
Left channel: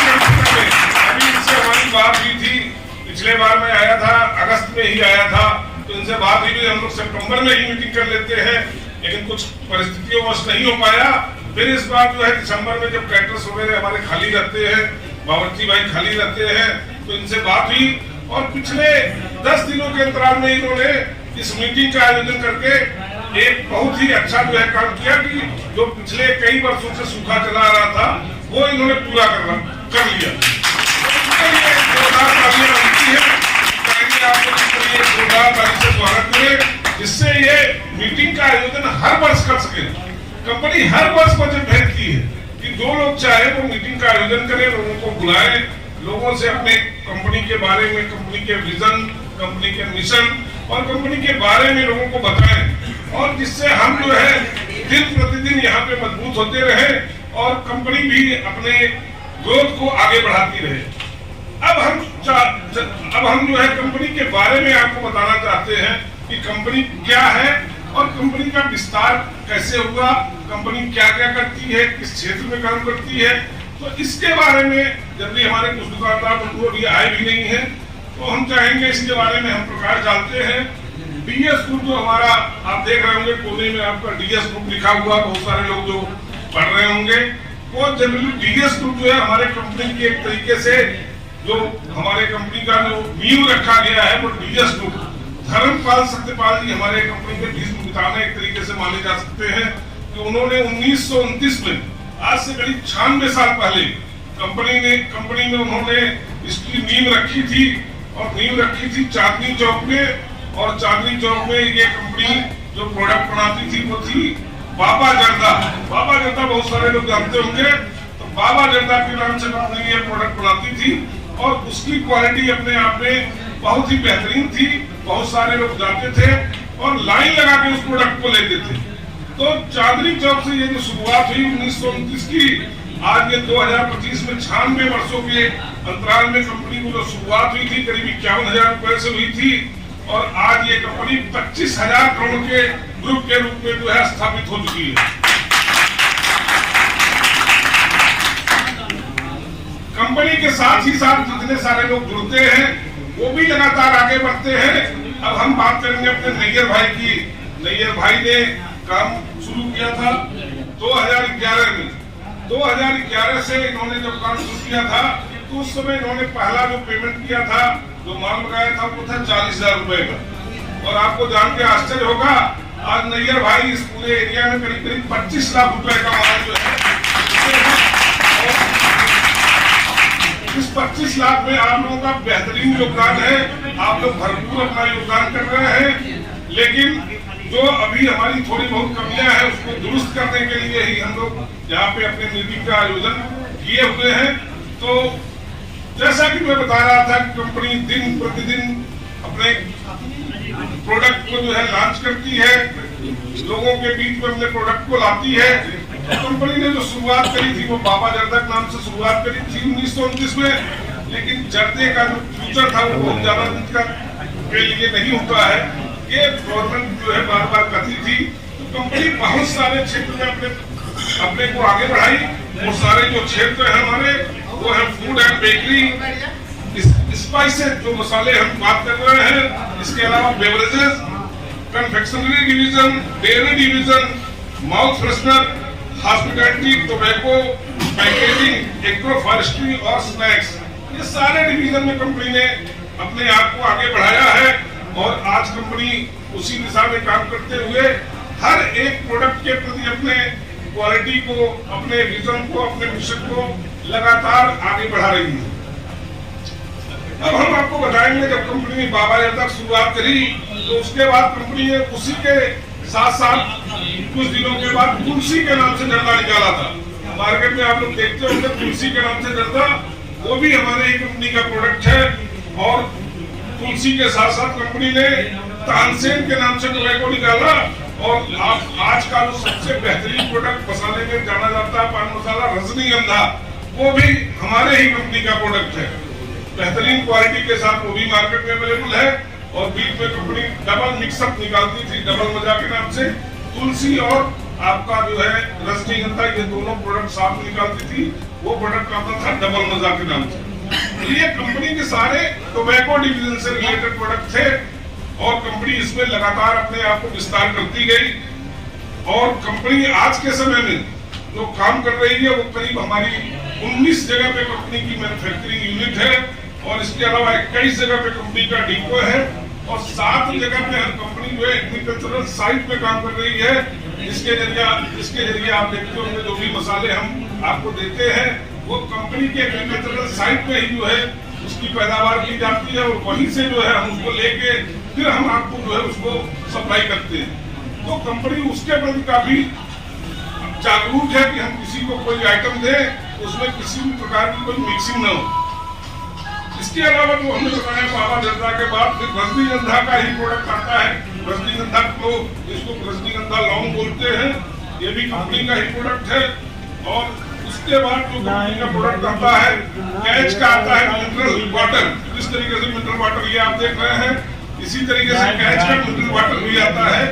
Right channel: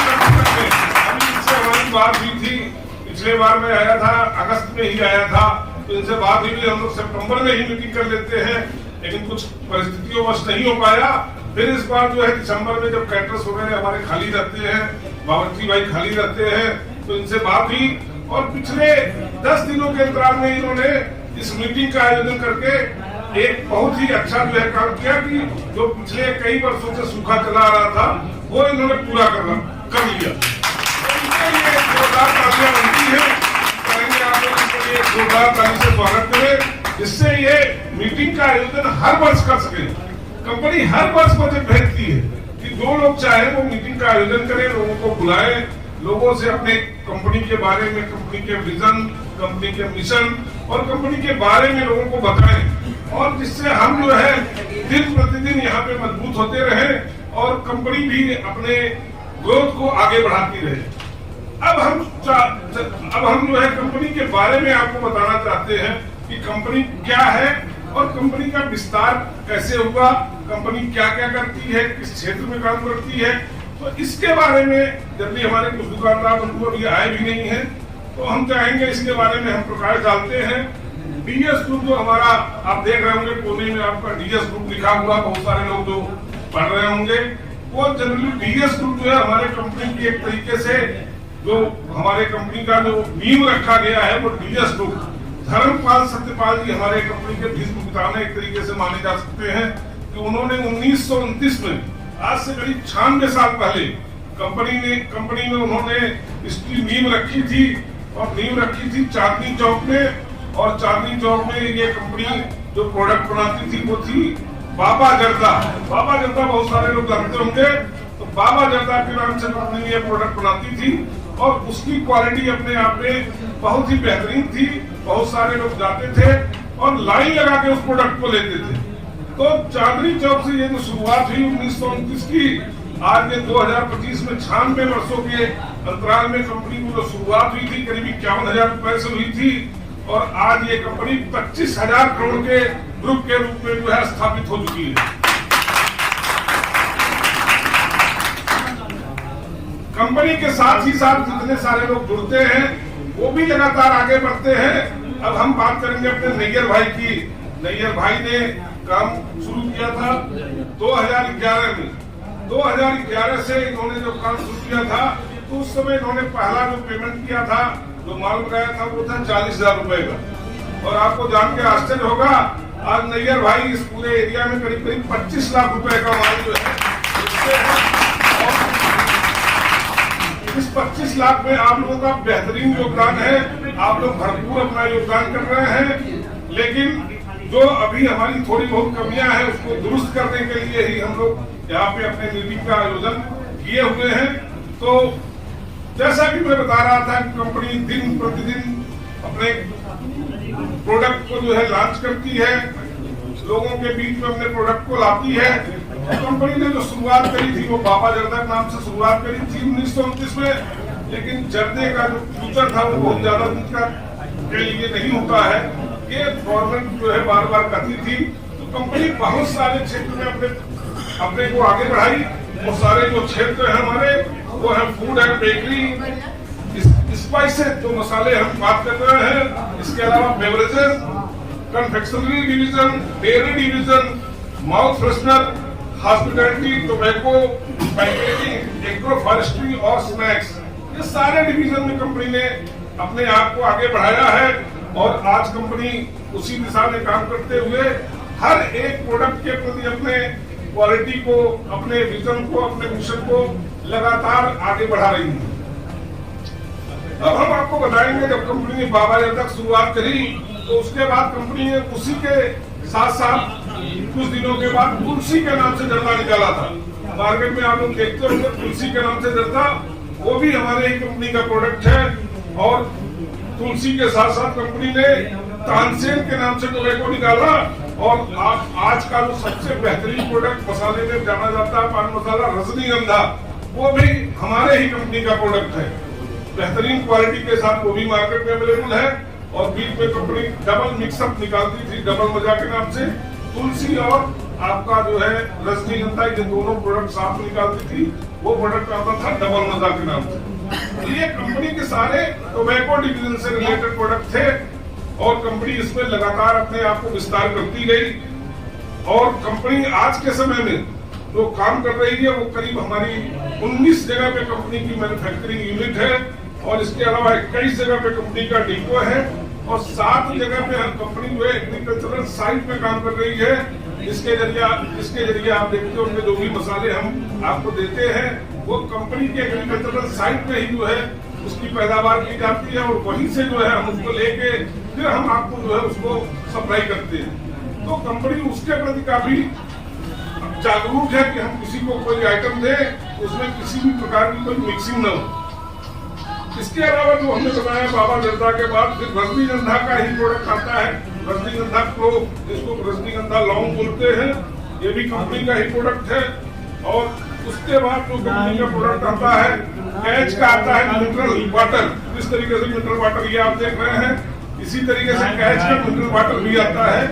अभी इससे हमारी बात हुई थी, पिछले बार मैं आया था, अगस्त में ही आया था, तो इनसे बात हुई, हम लोग सितंबर में ही मीटिंग कर लेते हैं, लेकिन कुछ परिस्थितियों वश नहीं हो पाया। फिर इस बार जो है दिसंबर में जब कैटरर्स वगैरह हमारे खाली रहते हैं, बावर्ची भाई खाली रहते हैं, तो इनसे बात हुई और पिछले 10 दिनों के अंतराल में इन्होंने इस मीटिंग का आयोजन करके एक बहुत ही अच्छा जो है काम किया कि जो पिछले कई वर्षों से सूखा चला आ रहा था वो इन्होंने पूरा कर लिया। इसके लिए जोरदार तालियां बनती है, कहेंगे आप लोग ये जोरदार ताली से स्वागत करें, जिससे ये मीटिंग का आयोजन हर वर्ष कर सके। कंपनी हर वर्ष बजट भेजती है कि दो लोग चाहे वो मीटिंग का आयोजन करें, लोगों को बुलाएं, लोगों से अपने कंपनी के बारे में, कंपनी के विजन, कंपनी के मिशन और कंपनी के बारे में लोगों को बताएं, और जिससे हम जो है दिन प्रतिदिन यहाँ पे मजबूत होते रहे और कंपनी भी अपने ग्रोथ को आगे बढ़ाती रहे। अब हम जो है कंपनी के बारे में आपको बताना चाहते हैं कि कंपनी क्या है और कंपनी का विस्तार कैसे हुआ, कंपनी क्या क्या करती है, किस क्षेत्र में काम करती है। तो इसके बारे में जल्दी हमारे कुछ दुकानदार बंधु अभी आए भी नहीं है, तो हम चाहेंगे इसके बारे में हम प्रकाश डालते हैं। डीएस ग्रुप जो हमारा आप देख रहे होंगे कोने में आपका डीएस ग्रुप लिखा हुआ, बहुत सारे लोग जो पढ़ रहे होंगे, वो जनरली डीएस ग्रुप जो है हमारे कंपनी की एक तरीके से जो हमारे कंपनी का जो नींव रखा गया है वो डीएस ग्रुप धर्मपाल सत्यपाल जी हमारे कंपनी के भीष्म पितामह एक तरीके से माने जा सकते हैं कि उन्होंने 1929 में, आज से करीब 96 साल पहले कंपनी में उन्होंने इसकी नींव रखी थी, और नींव रखी थी चांदनी चौक में। और चांदनी चौक में ये कंपनी जो प्रोडक्ट बनाती थी वो थी बाबा जर्दा। बाबा जर्दा बहुत सारे लोग जानते होंगे, तो बाबा जर्दा के नाम से कंपनी ये प्रोडक्ट बनाती थी और उसकी क्वालिटी अपने आप में बहुत ही बेहतरीन थी। बहुत सारे लोग जाते थे और लाइन लगा के उस प्रोडक्ट को लेते थे। तो चांदनी चौक से ये जो शुरुआत हुई 1929 की, आज ये 2025 में 96 वर्षों के अंतराल में कंपनी को जो शुरुआत हुई थी करीब 51,000 रुपए से हुई थी, और आज ये कंपनी 25,000 करोड़ के ग्रुप के रूप में जो है स्थापित हो चुकी है। कंपनी के साथ ही साथ जितने सारे लोग जुड़ते हैं वो भी लगातार आगे बढ़ते हैं। अब हम बात करेंगे अपने नैयर भाई की। नैयर भाई ने काम शुरू किया था 2011 में। 2011 से इन्होंने जब काम शुरू किया था तो उस समय इन्होंने पहला जो पेमेंट किया था, जो माल लगाया था वो था 40,000 रुपए का। और आपको जान के आश्चर्य होगा, आज नैयर भाई इस पूरे एरिया में करीब 25 लाख रुपए का माल जो है, इस 25 लाख में आप लोगों का बेहतरीन योगदान है। आप लोग भरपूर अपना योगदान कर रहे हैं, लेकिन जो अभी हमारी थोड़ी बहुत कमियां हैं उसको दुरुस्त करने के लिए ही हम लोग यहाँ पे अपने मीटिंग का आयोजन किए हुए हैं। तो जैसा कि मैं बता रहा था कि कंपनी दिन प्रतिदिन अपने प्रोडक्ट को जो है लॉन्च करती है, लोगों के बीच में अपने प्रोडक्ट को लाती है। तो कंपनी ने जो शुरुआत करी थी वो बाबा जर्दा नाम से शुरुआत करी थी 1929 में, लेकिन जर्दे का जो फ्यूचर था वो बहुत ज्यादा दिन के लिए नहीं होता है। ये गवर्नमेंट जो है बार बार कहती थी, तो कंपनी बहुत सारे क्षेत्र में अपने को आगे बढ़ाई। वो सारे जो क्षेत्र है हमारे वो है फूड एंड बेकरी, स्पाइसेस जो मसाले हम बात कर रहे हैं, इसके अलावा beverages, confectionery division, dairy division, mouth freshener, hospitality, tobacco, packaging, agro forestry और स्नैक्स, ये सारे डिवीजन में कंपनी ने अपने आप को आगे बढ़ाया है। और आज कंपनी उसी दिशा में काम करते हुए हर एक प्रोडक्ट के प्रति अपने क्वालिटी को, अपने विजन को, अपने मिशन को लगातार आगे बढ़ा रही है। अब हम आपको बताएंगे जब कंपनी ने बाबा जर्दा तक शुरुआत करी तो उसके बाद कंपनी ने उसी के साथ साथ कुछ दिनों के बाद तुलसी के नाम से जर्दा निकाला था। मार्केट में आप लोग देखते होंगे तुलसी के नाम से जर्दा, वो भी हमारे ही कंपनी का प्रोडक्ट है। और तुलसी के साथ साथ कंपनी ने तानसेन के नाम से टोबैको निकाला, और आज का जो सबसे बेहतरीन प्रोडक्ट मसाले में जाना जाता है पान मसाला रजनीगंधा, वो भी हमारे ही कंपनी का प्रोडक्ट है। बेहतरीन क्वालिटी के साथ वो भी मार्केट में अवेलेबल है। और बीच में कंपनी डबल मिक्सअप निकालती थी डबल मजा के नाम से, तुलसी और आपका जो है रजनीगंधा, ये दोनों प्रोडक्ट साथ निकालती थी, वो प्रोडक्ट आता था डबल मजा के नाम से। ये कंपनी के सारे टोबैको डिवीजन से रिलेटेड प्रोडक्ट थे और कंपनी इसमें लगातार अपने आप को विस्तार करती गई। और कंपनी आज के समय में जो काम कर रही है वो करीब हमारी 19 जगह पे कंपनी की मैन्युफैक्चरिंग यूनिट है, और इसके अलावा 21 जगह पे कंपनी का डिपो है। और 7 जगह पे हम कंपनी जो है एग्रीकल्चरल साइट में काम कर रही है, जिसके जरिए आप देखते होंगे जो भी मसाले हम आपको देते हैं वो कंपनी के एग्रीकल्चरल साइट में ही जो है उसकी पैदावार की जाती है और वहीं से जो है हम उसको लेके फिर हम आपको जो है उसको सप्लाई करते हैं। तो कंपनी उसके प्रति काफी जागरूक है कि हम किसी को कोई आइटम दें उसमें किसी भी प्रकार की कोई मिक्सिंग न हो। इसके अलावा जो हमने बताया बाबा जर्दा के बाद फिर रजनीगंधा का ही प्रोडक्ट आता है। रजनीगंधा को इसको रजनीगंधा लौंग बोलते हैं, ये भी कंपनी का ही प्रोडक्ट है। और उसके बाद जो कंपनी का प्रोडक्ट आता है कैच का आता है मिनरल वाटर। जिस तरीके से मिनरल वाटर ये आप देख रहे हैं, इसी तरीके से कैच का मिनरल वाटर भी आता है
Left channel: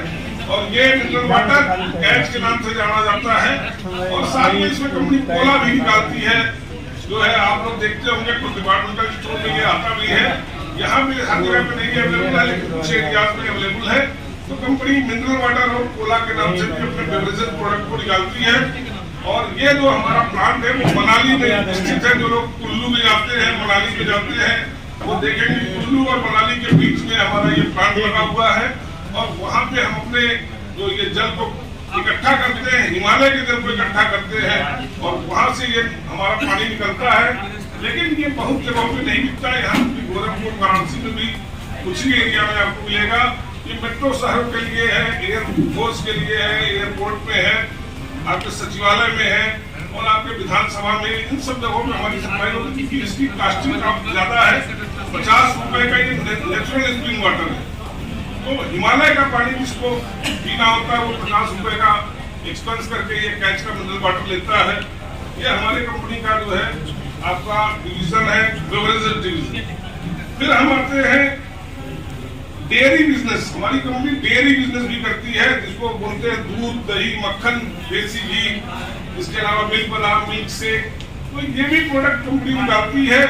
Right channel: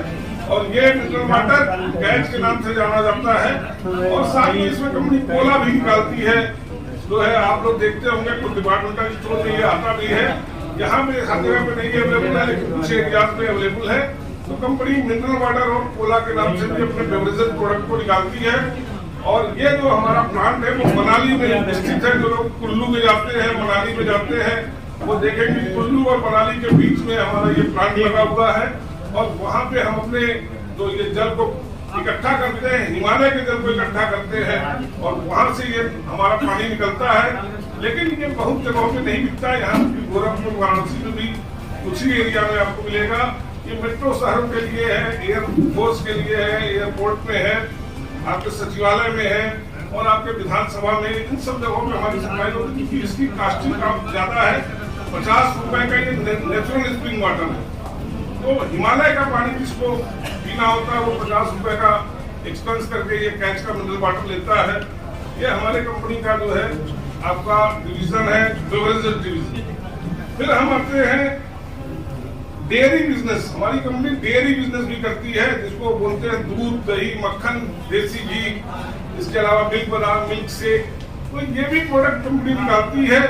और ये मिनरल वाटर कैच के नाम से जाना जाता है। और साथ में इसमें कंपनी कोला भी निकालती है, जो है आप लोग देखते होंगे कुछ डिपार्टमेंटल स्टोर में ये आता भी है। यहाँ पे हर जगह पे नहीं अवेलेबल है लेकिन कुछ एरियाज में अवेलेबल है। तो कंपनी मिनरल वाटर और कोला के नाम से भी अपने बेवरेजेस प्रोडक्ट को निकालती है। और ये जो हमारा प्लांट है वो मनाली में स्थित है। जो लोग कुल्लू में जाते हैं, मनाली में जाते हैं, वो देखेंगे कुल्लू और मनाली के बीच में हमारा ये प्लांट लगा हुआ है। और वहाँ पे हम अपने जो ये जल को इकट्ठा करते हैं, हिमालय के जल को इकट्ठा करते हैं और वहाँ से ये हमारा पानी निकलता है। लेकिन ये बहुत जगहों पे नहीं मिलता है। यहाँ गोरखपुर वाराणसी में भी कुछ ही एरिया में आपको मिलेगा। ये मेट्रो शहर के लिए है, एयरफोर्स के लिए है, एयरपोर्ट में है, आपके सचिवालय में है और आपके विधानसभा में, इन सब जगहों में हमारी सप्लाई होती है। इसकी कास्टिंग काफी ज्यादा है। 50 रुपए का ये नेचुरल स्प्रिंग वाटर है। तो हिमालय का पानी जिसको पीना होता है वो 50 रुपए का एक्सपेंस करके ये कैच का मिनरल वाटर लेता है। ये हमारे कंपनी का जो है आपका डिवीजन है, बेवरेजेस डिवीजन। फिर हम आते हैं डेयरी बिजनेस। हमारी कंपनी डेयरी बिजनेस भी करती है, जिसको बोलते हैं दूध, दही, मक्खन, देसी घी, इसके अलावा मिल्क बादाम, मिल्क शेक। तो ये भी प्रोडक्ट कंपनी निकालती है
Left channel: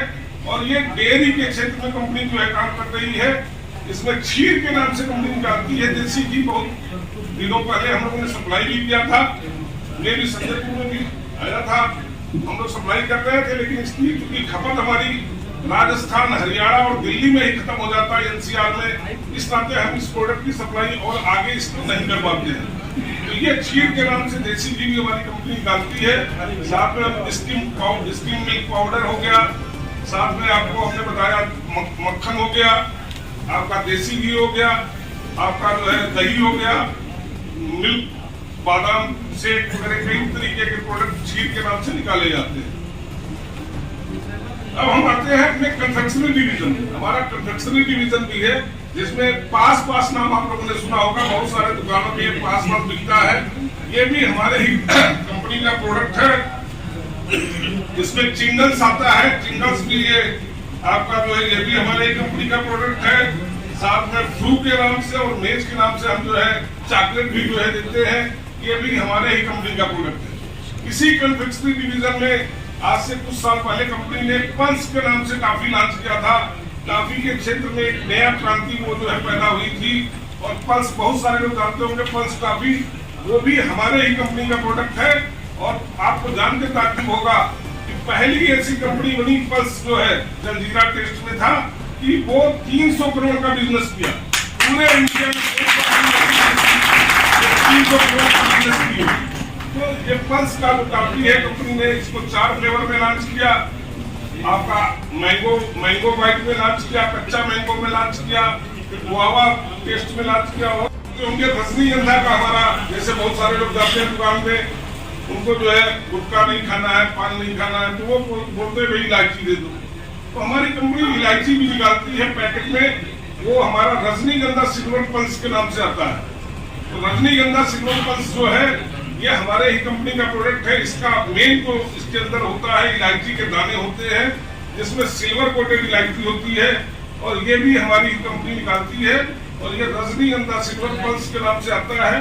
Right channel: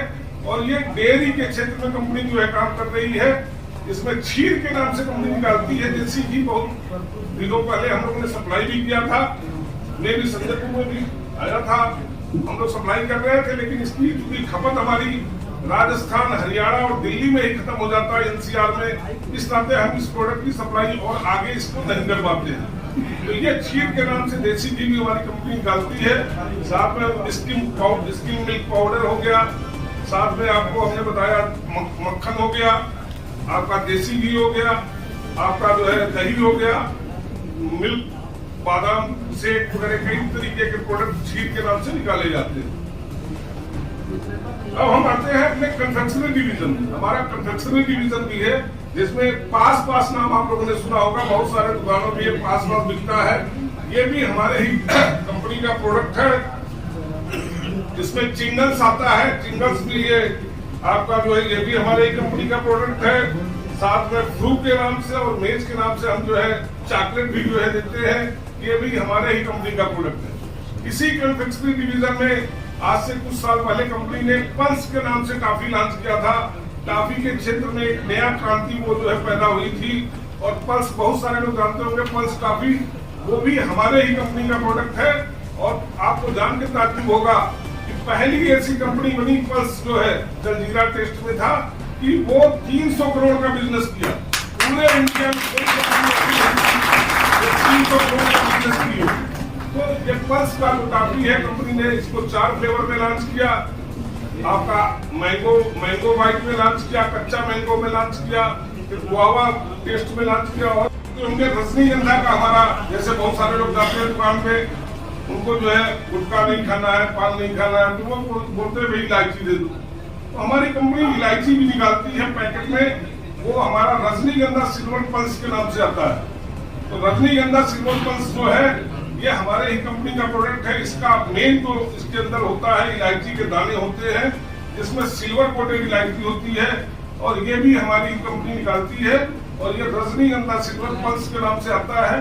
और ये डेयरी के क्षेत्र में कंपनी जो है काम कर रही है। इसमें क्षीर के नाम से कंपनी निकालती है देसी घी। बहुत दिनों पहले हम लोगों ने सप्लाई भी किया था, मैं भी संजयपुर में भी आया था, हम लोग सप्लाई कर रहे थे। लेकिन इसकी क्योंकि खपत हमारी राजस्थान, हरियाणा और दिल्ली में ही खत्म हो जाता है, एनसीआर में, इस नाते हम इस प्रोडक्ट की सप्लाई और आगे इसको नहीं कर पाते हैं। तो ये क्षीर के नाम से देसी घी भी हमारी कंपनी निकालती है। साथ में स्किम मिल्क पाउडर हो गया, साथ में आपको हमने बताया मक्खन हो गया, आपका देसी घी हो गया, आपका जो है दही हो गया, मिल्क बादाम शेक वगैरह कई तरीके के प्रोडक्ट क्षीर के नाम से निकाले जाते हैं। अब हम आते हैं अपने कंफेक्शनरी डिवीजन। हमारा कंफेक्शनरी डिवीजन भी है, जिसमें पास नाम आप लोगों ने सुना होगा। बहुत सारे दुकानों में ये पास बिकता है। ये भी हमारे ही कंपनी का प्रोडक्ट है। इसमें चिंगल्स आता है, चिंगल्स भी ये आपका जो है ये भी हमारे कंपनी का प्रोडक्ट है। साथ में फ्रू के नाम से और मेज के नाम से हम जो है चॉकलेट भी जो है देते हैं। ये भी हमारे ही कंपनी का प्रोडक्ट है। इसी कंफेक्शनरी डिवीजन में आज से कुछ साल पहले कंपनी ने पल्स के नाम से टॉफी लॉन्च किया था। टॉफी के क्षेत्र में एक नया क्रांति वो जो है पैदा हुई थी और पल्स बहुत सारे लोग जानते होंगे, पल्स टॉफी वो भी हमारे ही कंपनी का प्रोडक्ट है। और आपको जानकर ताज्जुब होगा कि पहली ऐसी कंपनी बनी पल्स जो है जलजीरा टेस्ट में था कि वो 300 करोड़ का बिजनेस किया पूरे इंडिया में। 300 करोड़ का बिजनेस किया। तो ये पल्स का जो टॉफी है, कंपनी ने इसको 4 फ्लेवर में लॉन्च किया। आपका मैंगो वाइट में लॉन्च किया, कच्चा मैंगो में लॉन्च किया, फिर गुआवा टेस्ट में लॉन्च किया। और उनके रजनीगंधा का हमारा, जैसे बहुत सारे लोग जाते हैं दुकान पे, उनको जो है गुटखा नहीं खाना है, पान नहीं खाना है, तो वो बोलते भाई इलायची दे दो। तो हमारी कंपनी इलायची भी निकालती है पैकेट में। वो हमारा रजनीगंधा सिल्वर पल्स के नाम से आता है। तो रजनीगंधा सिल्वर पल्स जो है ये हमारे ही कंपनी का प्रोडक्ट है। इसका मेन तो इसके अंदर होता है इलायची के दाने होते हैं, जिसमें सिल्वर कोटेड इलायची होती है और ये भी हमारी कंपनी निकालती है। और ये रजनीगंधा सिल्वर पल्स के नाम से आता है।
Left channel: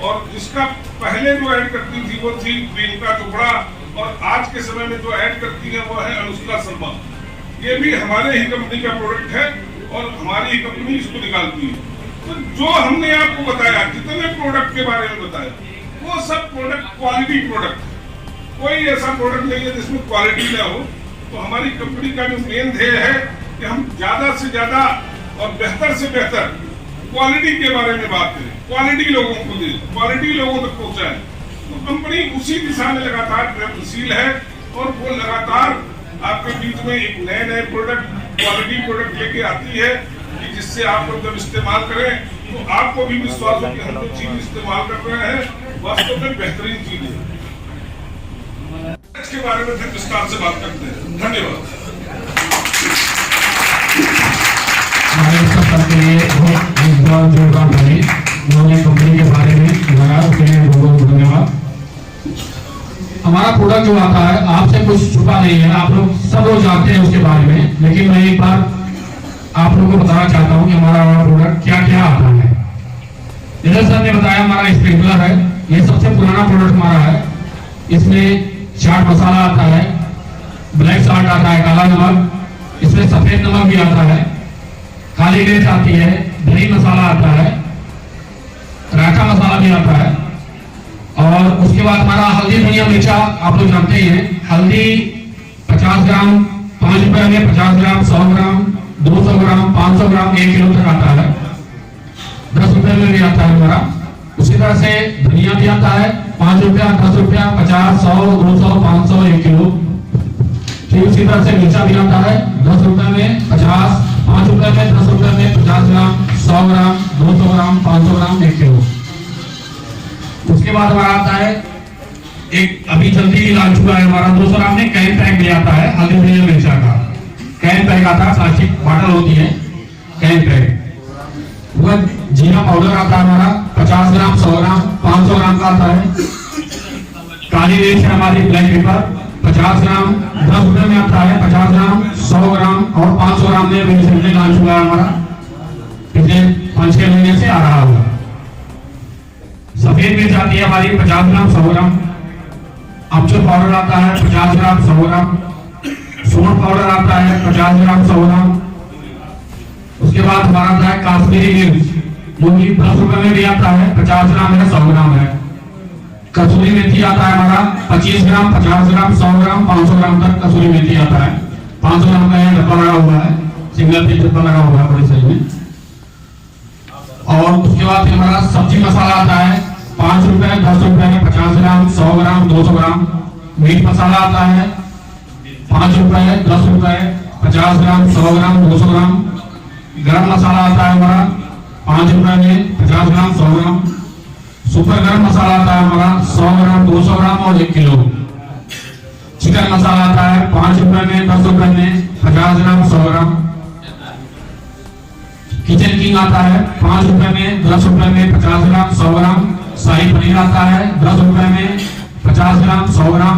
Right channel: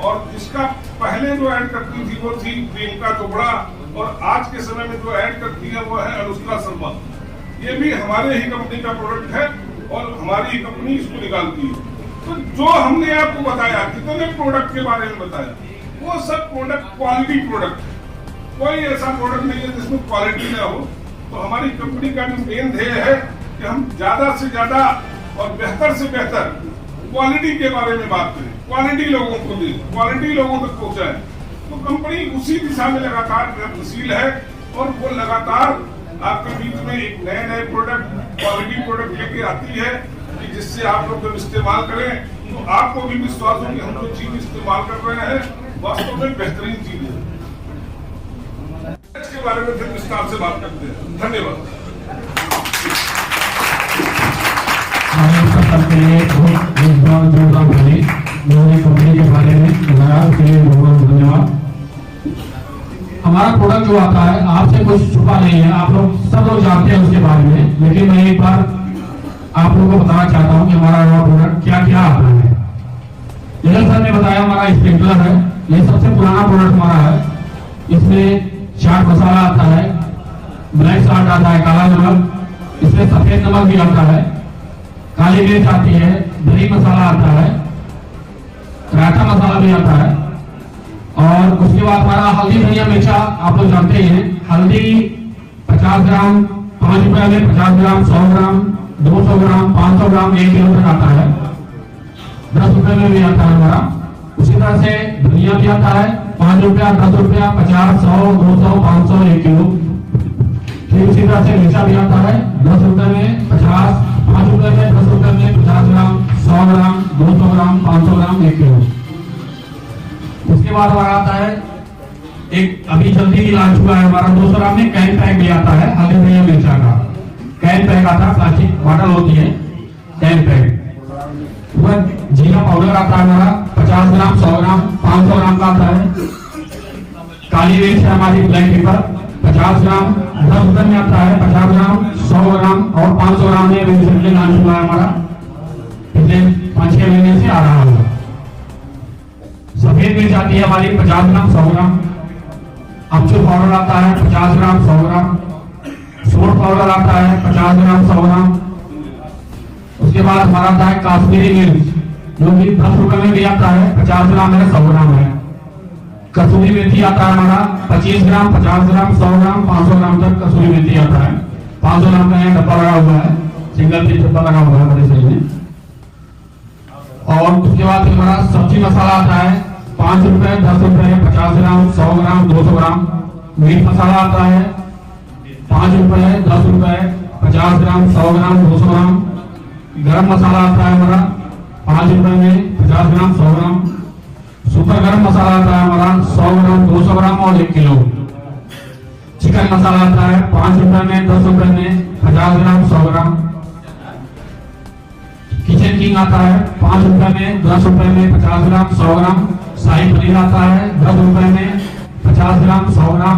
और जिसका पहले जो ऐड करती थी वो थी प्रियंका चोपड़ा और आज के समय में जो ऐड करती है वो है अनुष्का शर्मा। ये भी हमारे ही कंपनी का प्रोडक्ट है और हमारी ही कंपनी इसको निकालती है। तो जो हमने आपको बताया, जितने प्रोडक्ट के बारे में बताया, वो सब प्रोडक्ट क्वालिटी प्रोडक्ट। कोई ऐसा प्रोडक्ट नहीं है जिसमें क्वालिटी ना हो। तो हमारी कंपनी का जो मेन ध्येय है कि हम ज्यादा से ज्यादा और बेहतर से बेहतर क्वालिटी के बारे में बात करें, क्वालिटी लोगों को दें, क्वालिटी लोगों तक पहुंचाएं, तो कंपनी उसी दिशा में लगातार प्रयत्नशील है और वो लगातार आपके बीच में एक नए प्रोडक्ट, क्वालिटी प्रोडक्ट लेके आती है कि जिससे आप लोग जब इस्तेमाल करें तो आपको भी विश्वास हो कि हम जो चीज इस्तेमाल कर रहे हैं वास्तव में बेहतरीन चीज है। इसके बारे में फिर विस्तार से बात करते हैं। धन्यवाद। कंपनी के बारे में धन्यवाद। हमारा प्रोडक्ट जो आता है आपसे कुछ छुपा नहीं है, आप लोग सब लोग जानते हैं उसके बारे में, लेकिन मैं एक बार आप लोगों को बताना चाहता हूं कि हमारा प्रोडक्ट क्या क्या आता है। जैसे सर ने बताया हमारा स्प्रिंकलर है, ये सबसे पुराना प्रोडक्ट हमारा है। इसमें चाट मसाला आता है, ब्लैक सॉल्ट आता है, काला नमक, इसमें सफेद नमक भी आता है, काली मिर्च आती है, दही मसाला आता है, पराठा मसाला भी आता है। और उसके बाद हमारा हल्दी धनिया मिर्चा आप लोग जानते ही हैं। हल्दी 50 ग्राम 5 रुपए में, 50 ग्राम 100 ग्राम 200 ग्राम 500 ग्राम 1 किलो तक आता है। 10 रुपए में भी आता है हमारा। उसी तरह से धनिया भी आता है 5 रुपया 10 रुपया 50 100 200 500 1 किलो। ठीक उसी तरह से मिर्चा भी आता है 10 रुपए में 50, 5 रुपए में 10 रुपए में 50 ग्राम 100 ग्राम 200 ग्राम 500 ग्राम 1 किलो। उसके बाद हमारा आता है एक अभी जल्दी लॉन्च हुआ है हमारा 200 ग्राम में कैन पैक भी आता है हल्दी धनिया मिर्चा का। कैन पैक आता है, प्लास्टिक बॉटल होती है कैन पैक। वह जीरा पाउडर आता है हमारा 50 ग्राम 100 ग्राम 500 ग्राम का आता है। काली मिर्च है हमारी ब्लैक पेपर 50 ग्राम 10 रुपए में आता है, 50 ग्राम 100 ग्राम और 500 ग्राम में अभी रिसेंटली लॉन्च हुआ है हमारा, पिछले 5-6 महीने से आ रहा है। सफेद मिर्च आती है हमारी 50 ग्राम 100 ग्राम। अमचूर पाउडर आता है 50 ग्राम 100 ग्राम। सूंठ पाउडर आता है 50 ग्राम 100 ग्राम। उसके बाद हमारा आता है काश्मीरी मिर्च जो कि 10 रुपए में भी आता है, 50 ग्राम है 100 ग्राम है। कसूरी मेथी आता है हमारा 25 ग्राम 50 ग्राम 100 ग्राम 500 ग्राम तक कसूरी मेथी आता है। 500 ग्राम का डब्बा लगा हुआ है, सिंगल पीस डब्बा लगा हुआ है बड़ी साइज में। और उसके बाद हमारा सब्जी मसाला आता है 5 रुपए 10 रुपए में 50 ग्राम 100 ग्राम 200 ग्राम। मीट मसाला आता है 5 रुपए 10 रुपए 50 ग्राम 100 ग्राम 200 ग्राम। गरम मसाला आता है हमारा 5 रुपए में 50 ग्राम 100 ग्राम। सुपर गरम मसाला आता है हमारा 100 ग्राम 200 ग्राम और 1 किलो। चिकन मसाला आता है 5 रुपए में 10 रुपए में 50 ग्राम 100 ग्राम। किचन किंग आता है 5 रुपए में 10 रुपए में 50 ग्राम 100 ग्राम। शाही पनीर आता है 10 रुपए में 50 ग्राम 100 ग्राम।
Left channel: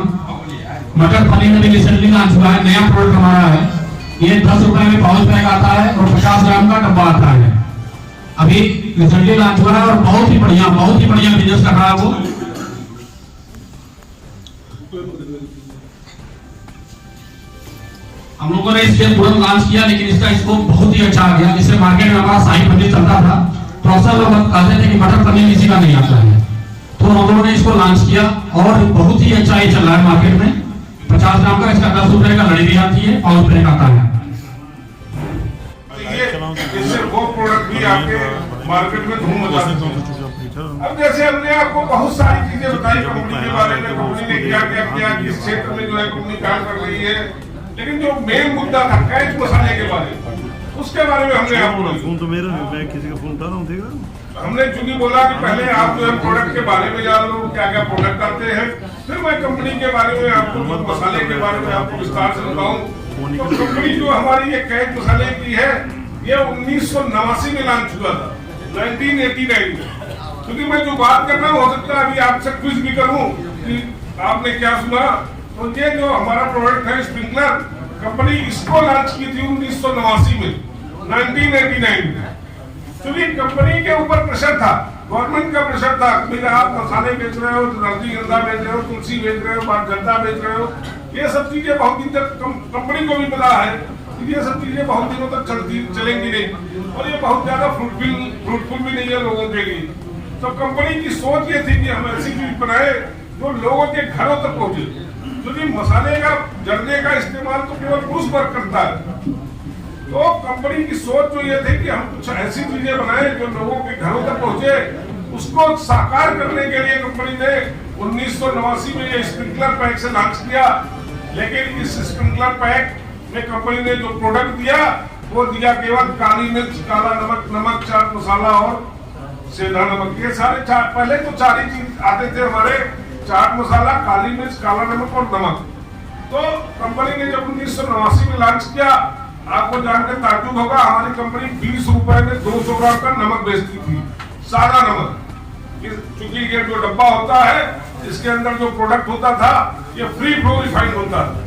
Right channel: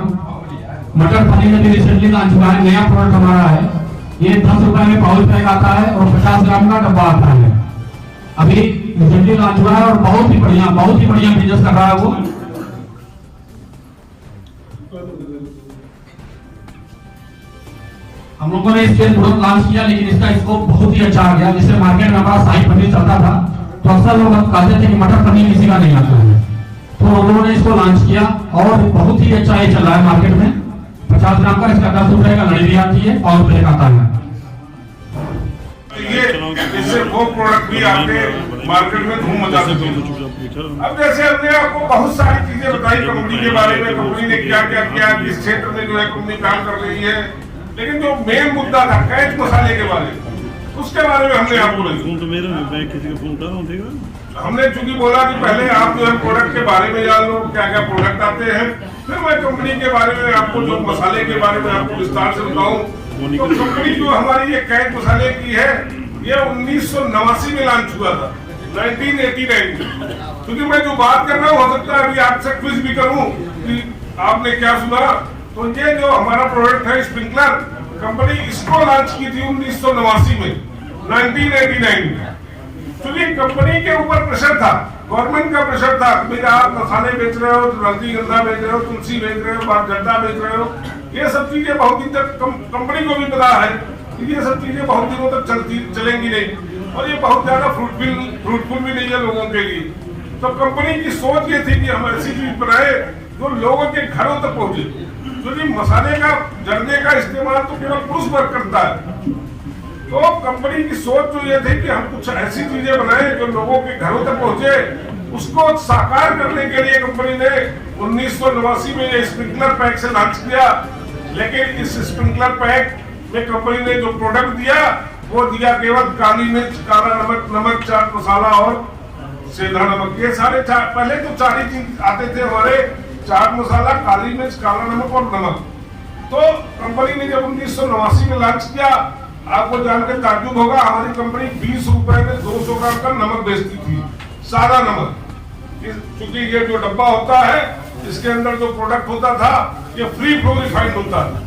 मटर पनीर में भी रिसेंटली लॉन्च हुआ है, नया प्रोडक्ट हमारा है। ये 10 रुपए में पाउच पैक आता है और 50 ग्राम का डब्बा आता है। अभी रिसेंटली लॉन्च हुआ है और बहुत ही बढ़िया बिजनेस कर रहा है वो। हम लोगों ने इसके प्रोडक्ट लॉन्च किया, लेकिन इसका स्कोप बहुत ही अच्छा आ गया। जिससे मार्केट में हमारा शाही पनीर चलता था तो असल में हम कहते थे कि मटर पनीर किसी का नहीं आता है, तो हम लोगों ने इसको लॉन्च किया और बहुत ही अच्छा ये चल रहा है मार्केट में। 50 ग्राम का इसका 10 रुपए का लड़ी भी आती है, पाउच पैक आता है। ये इससे वो प्रोडक्ट भी आपके मार्केट में धूम मचा सकते हैं। अब जैसे हमने आपको बहुत सारी चीजें बताई कंपनी के बारे में, कंपनी ने क्या क्या किया, किस क्षेत्र में जो है कंपनी काम कर रही है, लेकिन जो मेन मुद्दा था कैच मसाले के बारे में, उसके बारे में हमने आपको हमने चूंकि बोला कि पहले आप जो है प्रोडक्ट के बारे में जान लो, क्या क्या प्रोडक्ट आते हैं, फिर मैं कंपनी के बारे में आपको जो मसाले के बारे में आपको विस्तार से बताऊं। तो कंपनी जो हमारी ये कैच मसाले की है, ये 1989 में लॉन्च हुआ था, 1989 में। क्योंकि मैं जो बात कर रहा हूँ हो सकता है अभी आपसे क्विज भी करूँ कि आपने क्या सुना। तो ये जो हमारा प्रोडक्ट है स्प्रिंकलर, कंपनी इसको लॉन्च की थी 1989 में, 1989 में। क्योंकि कंपनी के ऊपर प्रेशर था, गवर्नमेंट का प्रेशर था कि आप मसाले बेच रहे हो, रजनीगंधा बेच रहे हो, तुलसी बेच रहे हो, बारगड्डा बेच रहे हो, ये सब चीजें बहुत दिन तक कंपनी को भी पता है कि ये सब चीजें बहुत दिनों तक चलेंगी नहीं और ये बहुत ज्यादा फ्रूटफुल भी नहीं है लोगों के लिए। तो कंपनी की सोच ये थी कि हम ऐसी चीज बनाए जो लोगों के घरों तक पहुंचे। क्योंकि मसाले का जरने का इस्तेमाल तो केवल पुरुष वर्ग करता है, तो कंपनी की सोच जो ये थी कि हम कुछ ऐसी चीजें बनाएं जो लोगों के घरों तक पहुंचे, उसको साकार करने के लिए कंपनी ने 1989 में ये स्प्रिंकलर पैक से लॉन्च किया। लेकिन इस स्प्रिंकलर पैक में कंपनी ने जो प्रोडक्ट दिया वो दिया केवल काली मिर्च, काला नमक, नमक, चाट मसाला और सेंधा नमक। ये सारे पहले तो चार ही चीज आते थे हमारे, चाट मसाला, काली मिर्च, काला नमक और नमक। तो कंपनी ने जब 1989 में लॉन्च किया, आपको जानकर ताज्जुब होगा, हमारी कंपनी 20 रुपए में 200 ग्राम का नमक बेचती थी, सादा नमक। क्योंकि ये जो डब्बा होता है इसके अंदर जो प्रोडक्ट होता था ये फ्री फ्लो रिफाइंड होता था,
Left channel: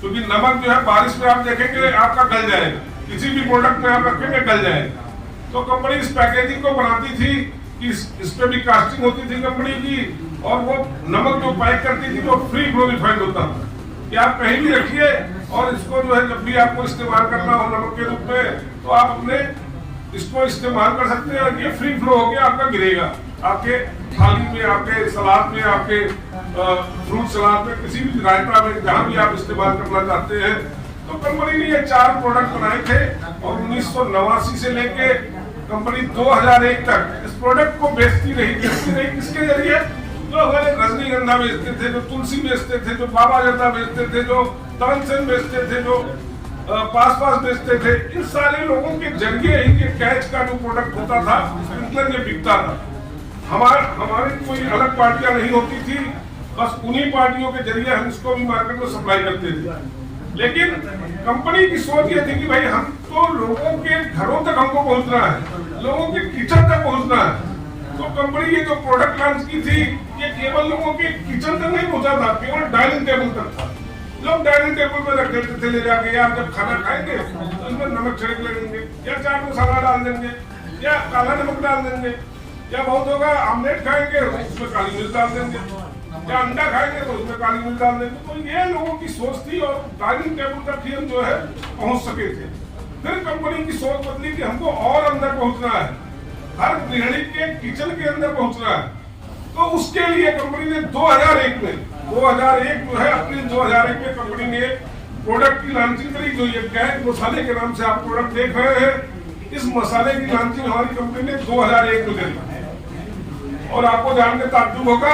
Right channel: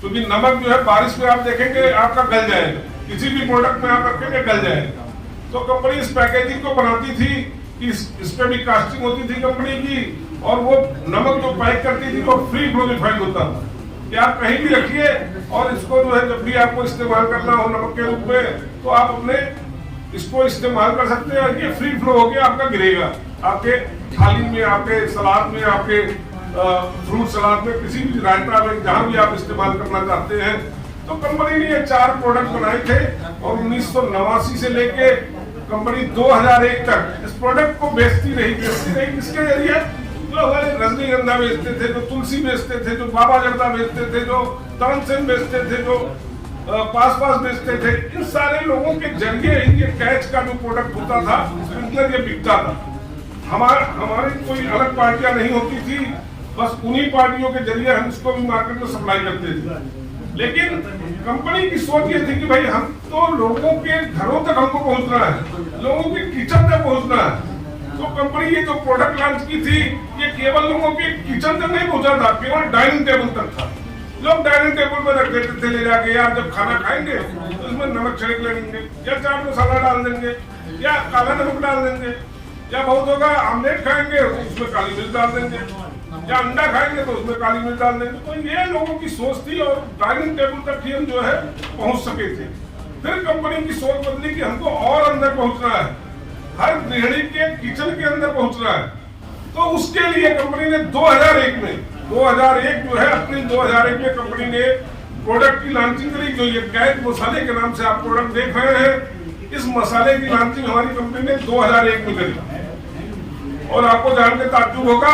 क्योंकि नमक जो है बारिश में आप देखेंगे आपका गल जाएगा, किसी भी प्रोडक्ट में आप रखेंगे गल जाएगा। तो कंपनी इस पैकेजिंग को बनाती थी कि इस पे भी कास्टिंग होती थी कंपनी की, और वो नमक जो पैक करती थी वो फ्री फ्लो रिफाइंड होता था कि आप कहीं भी रखिए और इसको जो है जब भी आपको इस्तेमाल करना हो नमक के रूप में तो आप अपने इसको इस्तेमाल कर सकते हैं। ये फ्री फ्लो होकर आपका गिरेगा आपके थाली में, आपके सलाद में, आपके फ्रूट सलाद में, किसी भी रायता में, जहां भी आप इस्तेमाल करना चाहते हैं। तो कंपनी ने ये 4 प्रोडक्ट बनाए थे और 1989 से लेके कंपनी 2001 तक इस प्रोडक्ट को बेचती रही। किसके जरिए? जो हमारे रजनीगंधा बेचते थे, जो तुलसी बेचते थे, जो बाबा जर्दा बेचते थे, जो तरनसेन बेचते थे, जो पास बेचते थे, इन सारे लोगों के जरिए ही ये कैच का जो प्रोडक्ट होता था स्प्रिंकलर ये बिकता था। हमारी कोई अलग पार्टियां नहीं होती थी, बस उन्हीं पार्टियों के जरिए हम इसको भी मार्केट में सप्लाई करते थे। लेकिन कंपनी की सोच ये थी कि भाई हम तो लोगों के घरों तक हमको पहुंचना है, लोगों के किचन तक पहुंचना है। तो कंपनी ये जो प्रोडक्ट लॉन्च की थी ये केवल लोगों के किचन तक नहीं पहुंचा था, केवल डाइनिंग टेबल तक था। लोग डाइनिंग टेबल पर रख देते थे ले जाके, यार जब खाना खाएंगे तो इसमें नमक छिड़क लेंगे, या चाट मसाला डाल देंगे, या काला नमक डाल देंगे, या बहुत होगा आमलेट खाएंगे उसमें काली मिर्च डाल देंगे, या अंडा खाएंगे तो उसमें काली मिर्च डाल देंगे। तो ये लोगों की सोच थी और डाइनिंग टेबल तक ही हम जो है पहुंच सके थे। फिर कंपनी की सोच बदली कि हमको और अंदर पहुंचना है, हर गृहिणी के किचन के अंदर पहुंचना है। तो उसके लिए कंपनी ने 2001 जो है अप्रैल 2001 में कंपनी ने प्रोडक्ट की लॉन्चिंग करी। जो ये कैच मसाले के नाम से आप प्रोडक्ट देख रहे हैं, इस मसाले की लॉन्चिंग हमारी कंपनी ने 2001 में करी। और आपको जानकर ताज्जुब होगा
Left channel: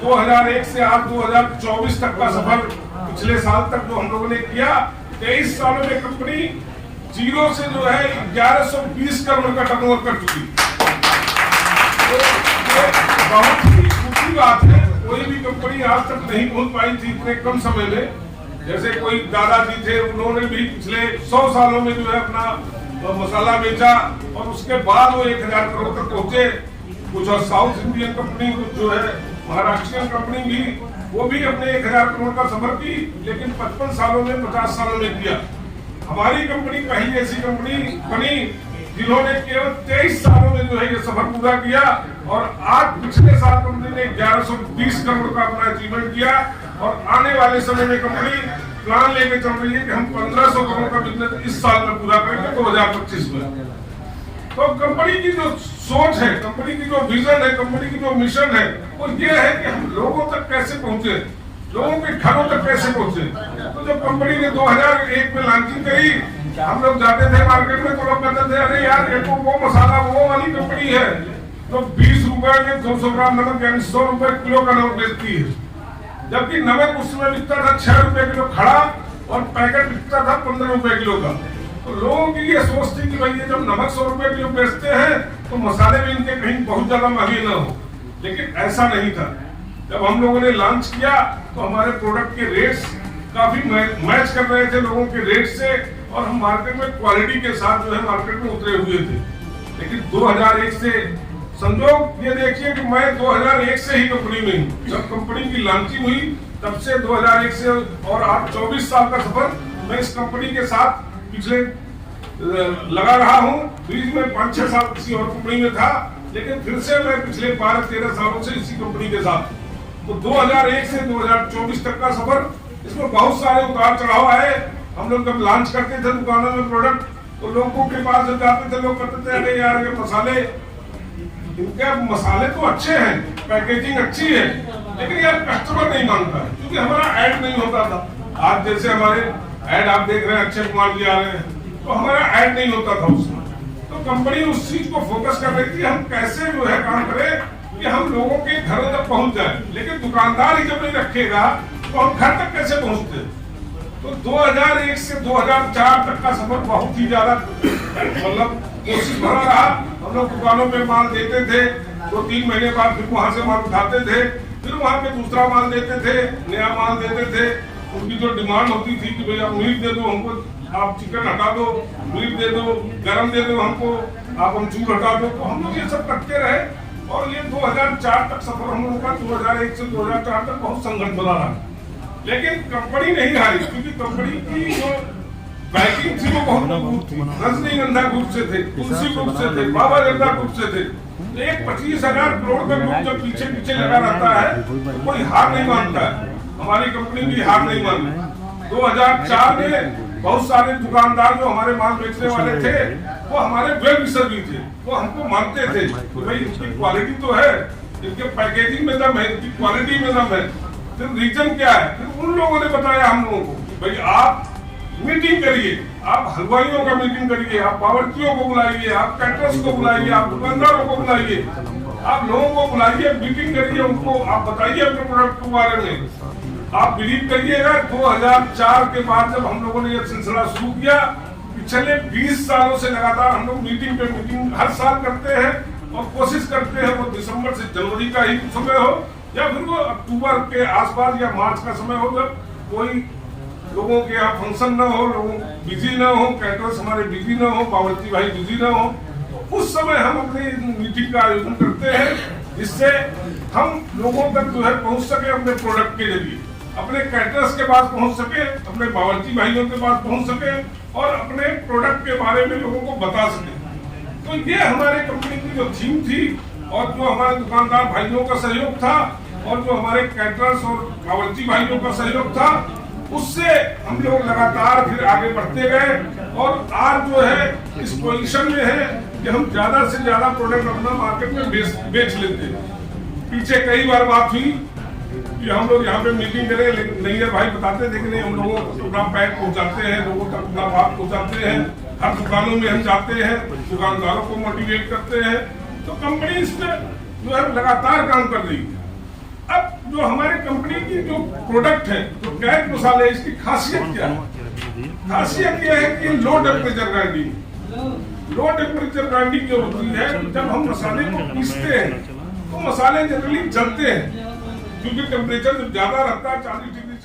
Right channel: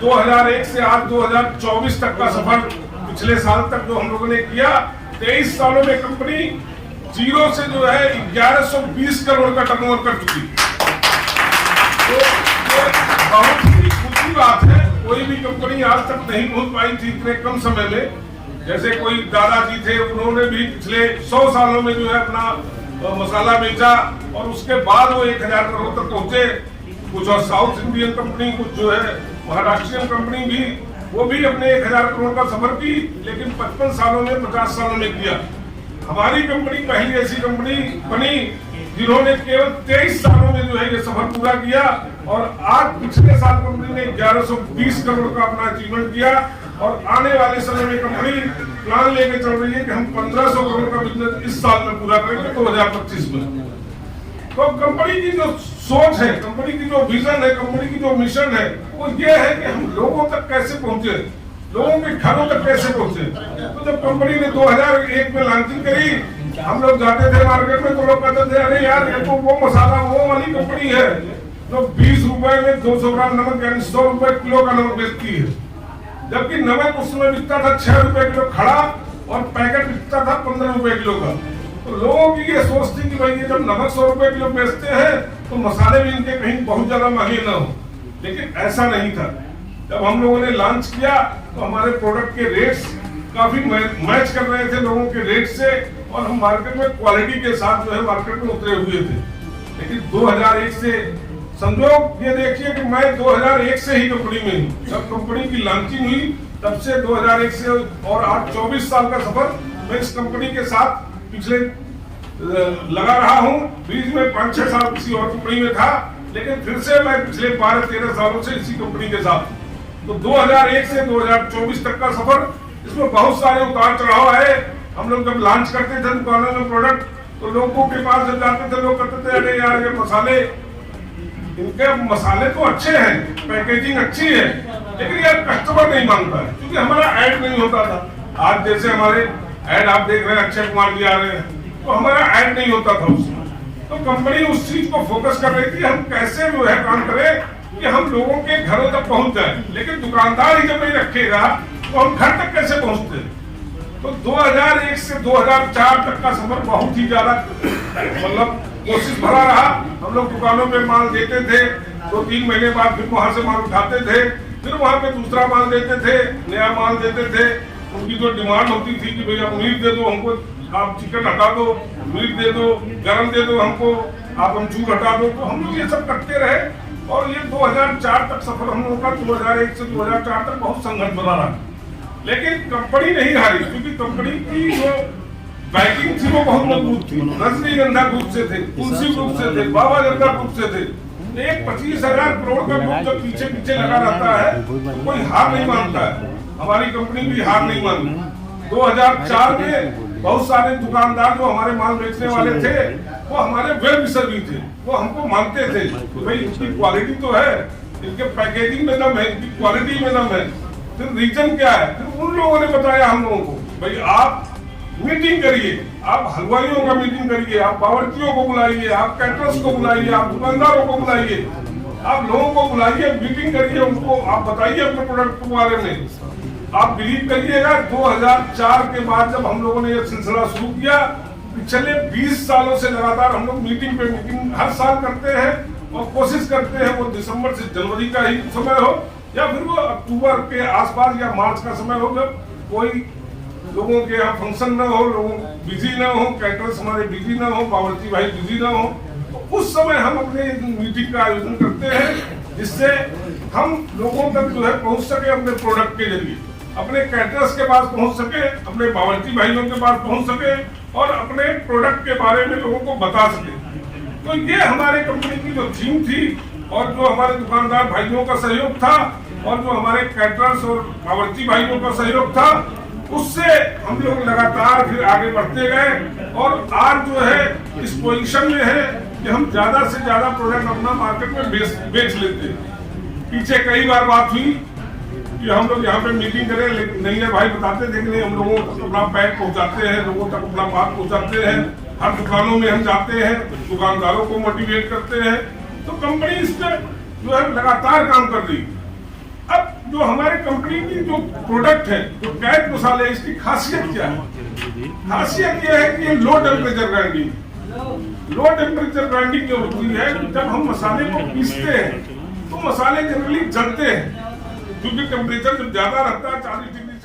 2001 से आज 2024 तक का सफर, पिछले साल तक जो हम लोगों ने किया, 23 सालों में कंपनी जीरो से जो है 1120 करोड़ का टर्नओवर कर चुकी। तो बहुत ही खुशी बात है, कोई भी कंपनी आज तक नहीं पहुंच पाई थी इतने कम समय में। जैसे कोई दादाजी थे, उन्होंने भी पिछले 100 सालों में जो है अपना मसाला बेचा और उसके बाद वो 1000 करोड़ तक पहुंचे। कुछ और साउथ इंडियन कंपनी, कुछ जो है महाराष्ट्रियन कंपनी भी, वो भी अपने 1000 करोड़ का सफर की, लेकिन 55 सालों में 50 सालों में किया। हमारी कंपनी पहली ऐसी कंपनी बनी जिन्होंने केवल 23 सालों में जो है ये सफर पूरा किया। और आज पिछले साल कंपनी ने 1120 करोड़ का अपना अचीवमेंट किया और आने वाले समय में कंपनी प्लान लेके चल रही है कि हम 1500 करोड़ का बिजनेस इस साल में पूरा करेंगे 2025 में। तो कंपनी की जो सोच है, कंपनी की जो विजन है, कंपनी की जो मिशन है, वो ये है कि हम लोगों तक कैसे पहुंचे, लोगों के घरों तक कैसे पहुंचे। तो जब कंपनी ने 2001 में लॉन्चिंग करी, हम लोग जाते थे मार्केट में तो लोग कहते थे अरे यार ये तो वो मसाला वो वाली कंपनी है तो 20 रुपए में 200 ग्राम नमक यानी 100 रुपए किलो का नमक बेचती है। जबकि नमक उस समय बिकता था 6 रुपए किलो खड़ा और पैकेट बिकता था 15 रुपए किलो का। तो लोगों की ये सोच थी कि भाई ये जब नमक 100 रुपए किलो बेचते हैं तो मसाले भी इनके कहीं बहुत ज्यादा महंगे ना हो। लेकिन ऐसा नहीं था। जब हम लोगों ने लॉन्च किया तो हमारे प्रोडक्ट के रेट्स काफी मैच कर रहे थे लोगों के रेट से और हम मार्केट में क्वालिटी के साथ जो है मार्केट में उतरे हुए थे। लेकिन 2001 से संजोग ये देखिए कि मैं 2001 से ही कंपनी में हूँ। जब कंपनी की लॉन्चिंग हुई तब से 2001 से और आज 24 साल का सफर मैं इस कंपनी के साथ पिछले लगा रहा हूँ। बीच में 5-6 साल किसी और कंपनी में था, लेकिन फिर से मैं पिछले 12-13 सालों से इसी कंपनी के साथ। तो 2001 से 2024 तक का सफर, इसमें बहुत सारे उतार चढ़ाव है। हम लोग जब लॉन्च करते थे दुकानों में प्रोडक्ट तो लोगों के पास जब जाते थे लोग कहते थे अरे यार ये मसाले, इनके मसाले तो अच्छे हैं, पैकेजिंग अच्छी है, लेकिन यार कस्टमर नहीं मांगता है क्योंकि हमारा ऐड नहीं होता था। आज जैसे हमारे ऐड आप देख रहे हैं, अक्षय कुमार जी आ रहे हैं, तो हमारा ऐड नहीं होता था उसमें। तो कंपनी उस चीज को फोकस कर रही थी हम कैसे जो है काम करें कि हम लोगों के घरों तक पहुंच जाए। लेकिन दुकानदार ही जब नहीं रखेगा तो हम घर तक कैसे पहुंचते। तो 2001 से 2004 तक का सफर बहुत ही ज्यादा मतलब कोशिश भरा रहा। हम लोग दुकानों पे माल देते थे, 2-3 महीने बाद फिर वहां से माल उठाते थे, फिर वहां पे दूसरा माल देते थे, नया माल देते थे। उनकी जो डिमांड होती थी कि भाई आप मीट दे दो हमको, आप चिकन हटा दो, मीट दे दो, गरम दे दो हमको, आप अमचूर हटा दो। तो हम लोग ये सब करते रहे और ये 2004 तक सफर हम लोगों का 2001 से 2004 तक बहुत संघर्ष बना रहा। लेकिन कंपनी नहीं हारी क्योंकि कंपनी की जो बैकिंग थी वो बहुत मजबूत थी। रजनीगंधा ग्रुप से थे, तुलसी ग्रुप से थे, बाबा जंगा ग्रुप से थे। एक 25,000 करोड़ का ग्रुप जब पीछे पीछे लगा रहता है तो कोई हार नहीं मानता है। हमारी कंपनी भी हार नहीं मानी। 2004 में बहुत सारे दुकानदार जो हमारे माल बेचने वाले थे वो हमारे वेल विशर भी थे। वो हमको मानते थे कि भाई इसकी क्वालिटी तो है, इनके पैकेजिंग में दम है, इनकी क्वालिटी में दम है। फिर रीजन क्या है, फिर उन लोगों ने बताया हम लोगों को भाई आप मीटिंग करिए, आप हलवाइयों का मीटिंग करिए, आप बावर्चियों को बुलाइए, आप कैटरर्स को बुलाइए, आप दुकानदारों को बुलाइए, आप लोगों को बुलाइए, मीटिंग करिए, उनको आप बताइए अपने प्रोडक्ट के बारे में। आप बिलीव करिएगा 2004 के बाद जब हम लोगों ने यह सिलसिला शुरू किया, पिछले 20 सालों से लगातार हम लोग मीटिंग पे मीटिंग हर साल करते हैं और कोशिश करते हैं वो दिसंबर से जनवरी का ही समय हो या फिर वो अक्टूबर के आसपास या मार्च का समय हो, जब कोई लोगों के यहाँ फंक्शन ना हो, लोग बिजी ना हो, कैटरर्स हमारे बिजी ना हो, बावर्ची भाई बिजी ना हो, तो उस समय हम अपने मीटिंग का आयोजन करते हैं जिससे हम लोगों तक जो है पहुंच सके अपने प्रोडक्ट के जरिए, अपने कैटरर्स के पास पहुंच सके, अपने बावर्ची भाइयों के पास पहुंच सके और अपने प्रोडक्ट के बारे में लोगों को बता सके। तो ये हमारी कंपनी की जो थीम थी और जो हमारे दुकानदार भाइयों का सहयोग था और जो हमारे कैटरर्स और बावर्ची भाइयों का सहयोग था, उससे हम लोग लगातार फिर आगे बढ़ते गए और आज जो है इस पोजीशन में है कि हम ज्यादा से ज्यादा प्रोडक्ट अपना मार्केट में बेच लेते हैं। पीछे कई बार बात हुई कि हम लोग यहाँ पे मीटिंग करें, लेकिन नहीं है भाई बताते थे कि नहीं, हम लोगों को अपना पैक पहुँचाते हैं, लोगों तक अपना बात पहुँचाते हैं, हर दुकानों में हम जाते हैं, दुकानदारों को मोटिवेट करते हैं। तो कंपनी इस पर जो है लगातार काम कर रही है। अब जो हमारे कंपनी की जो प्रोडक्ट है, जो कैच मसाले, इसकी खासियत क्या है? खासियत यह है कि low temperature grinding. Low temperature grinding जो होती है, जब हम मसाले को पीसते हैं तो मसाले जनरली जलते हैं क्योंकि टेम्परेचर जब ज्यादा रहता है 40 डिग्री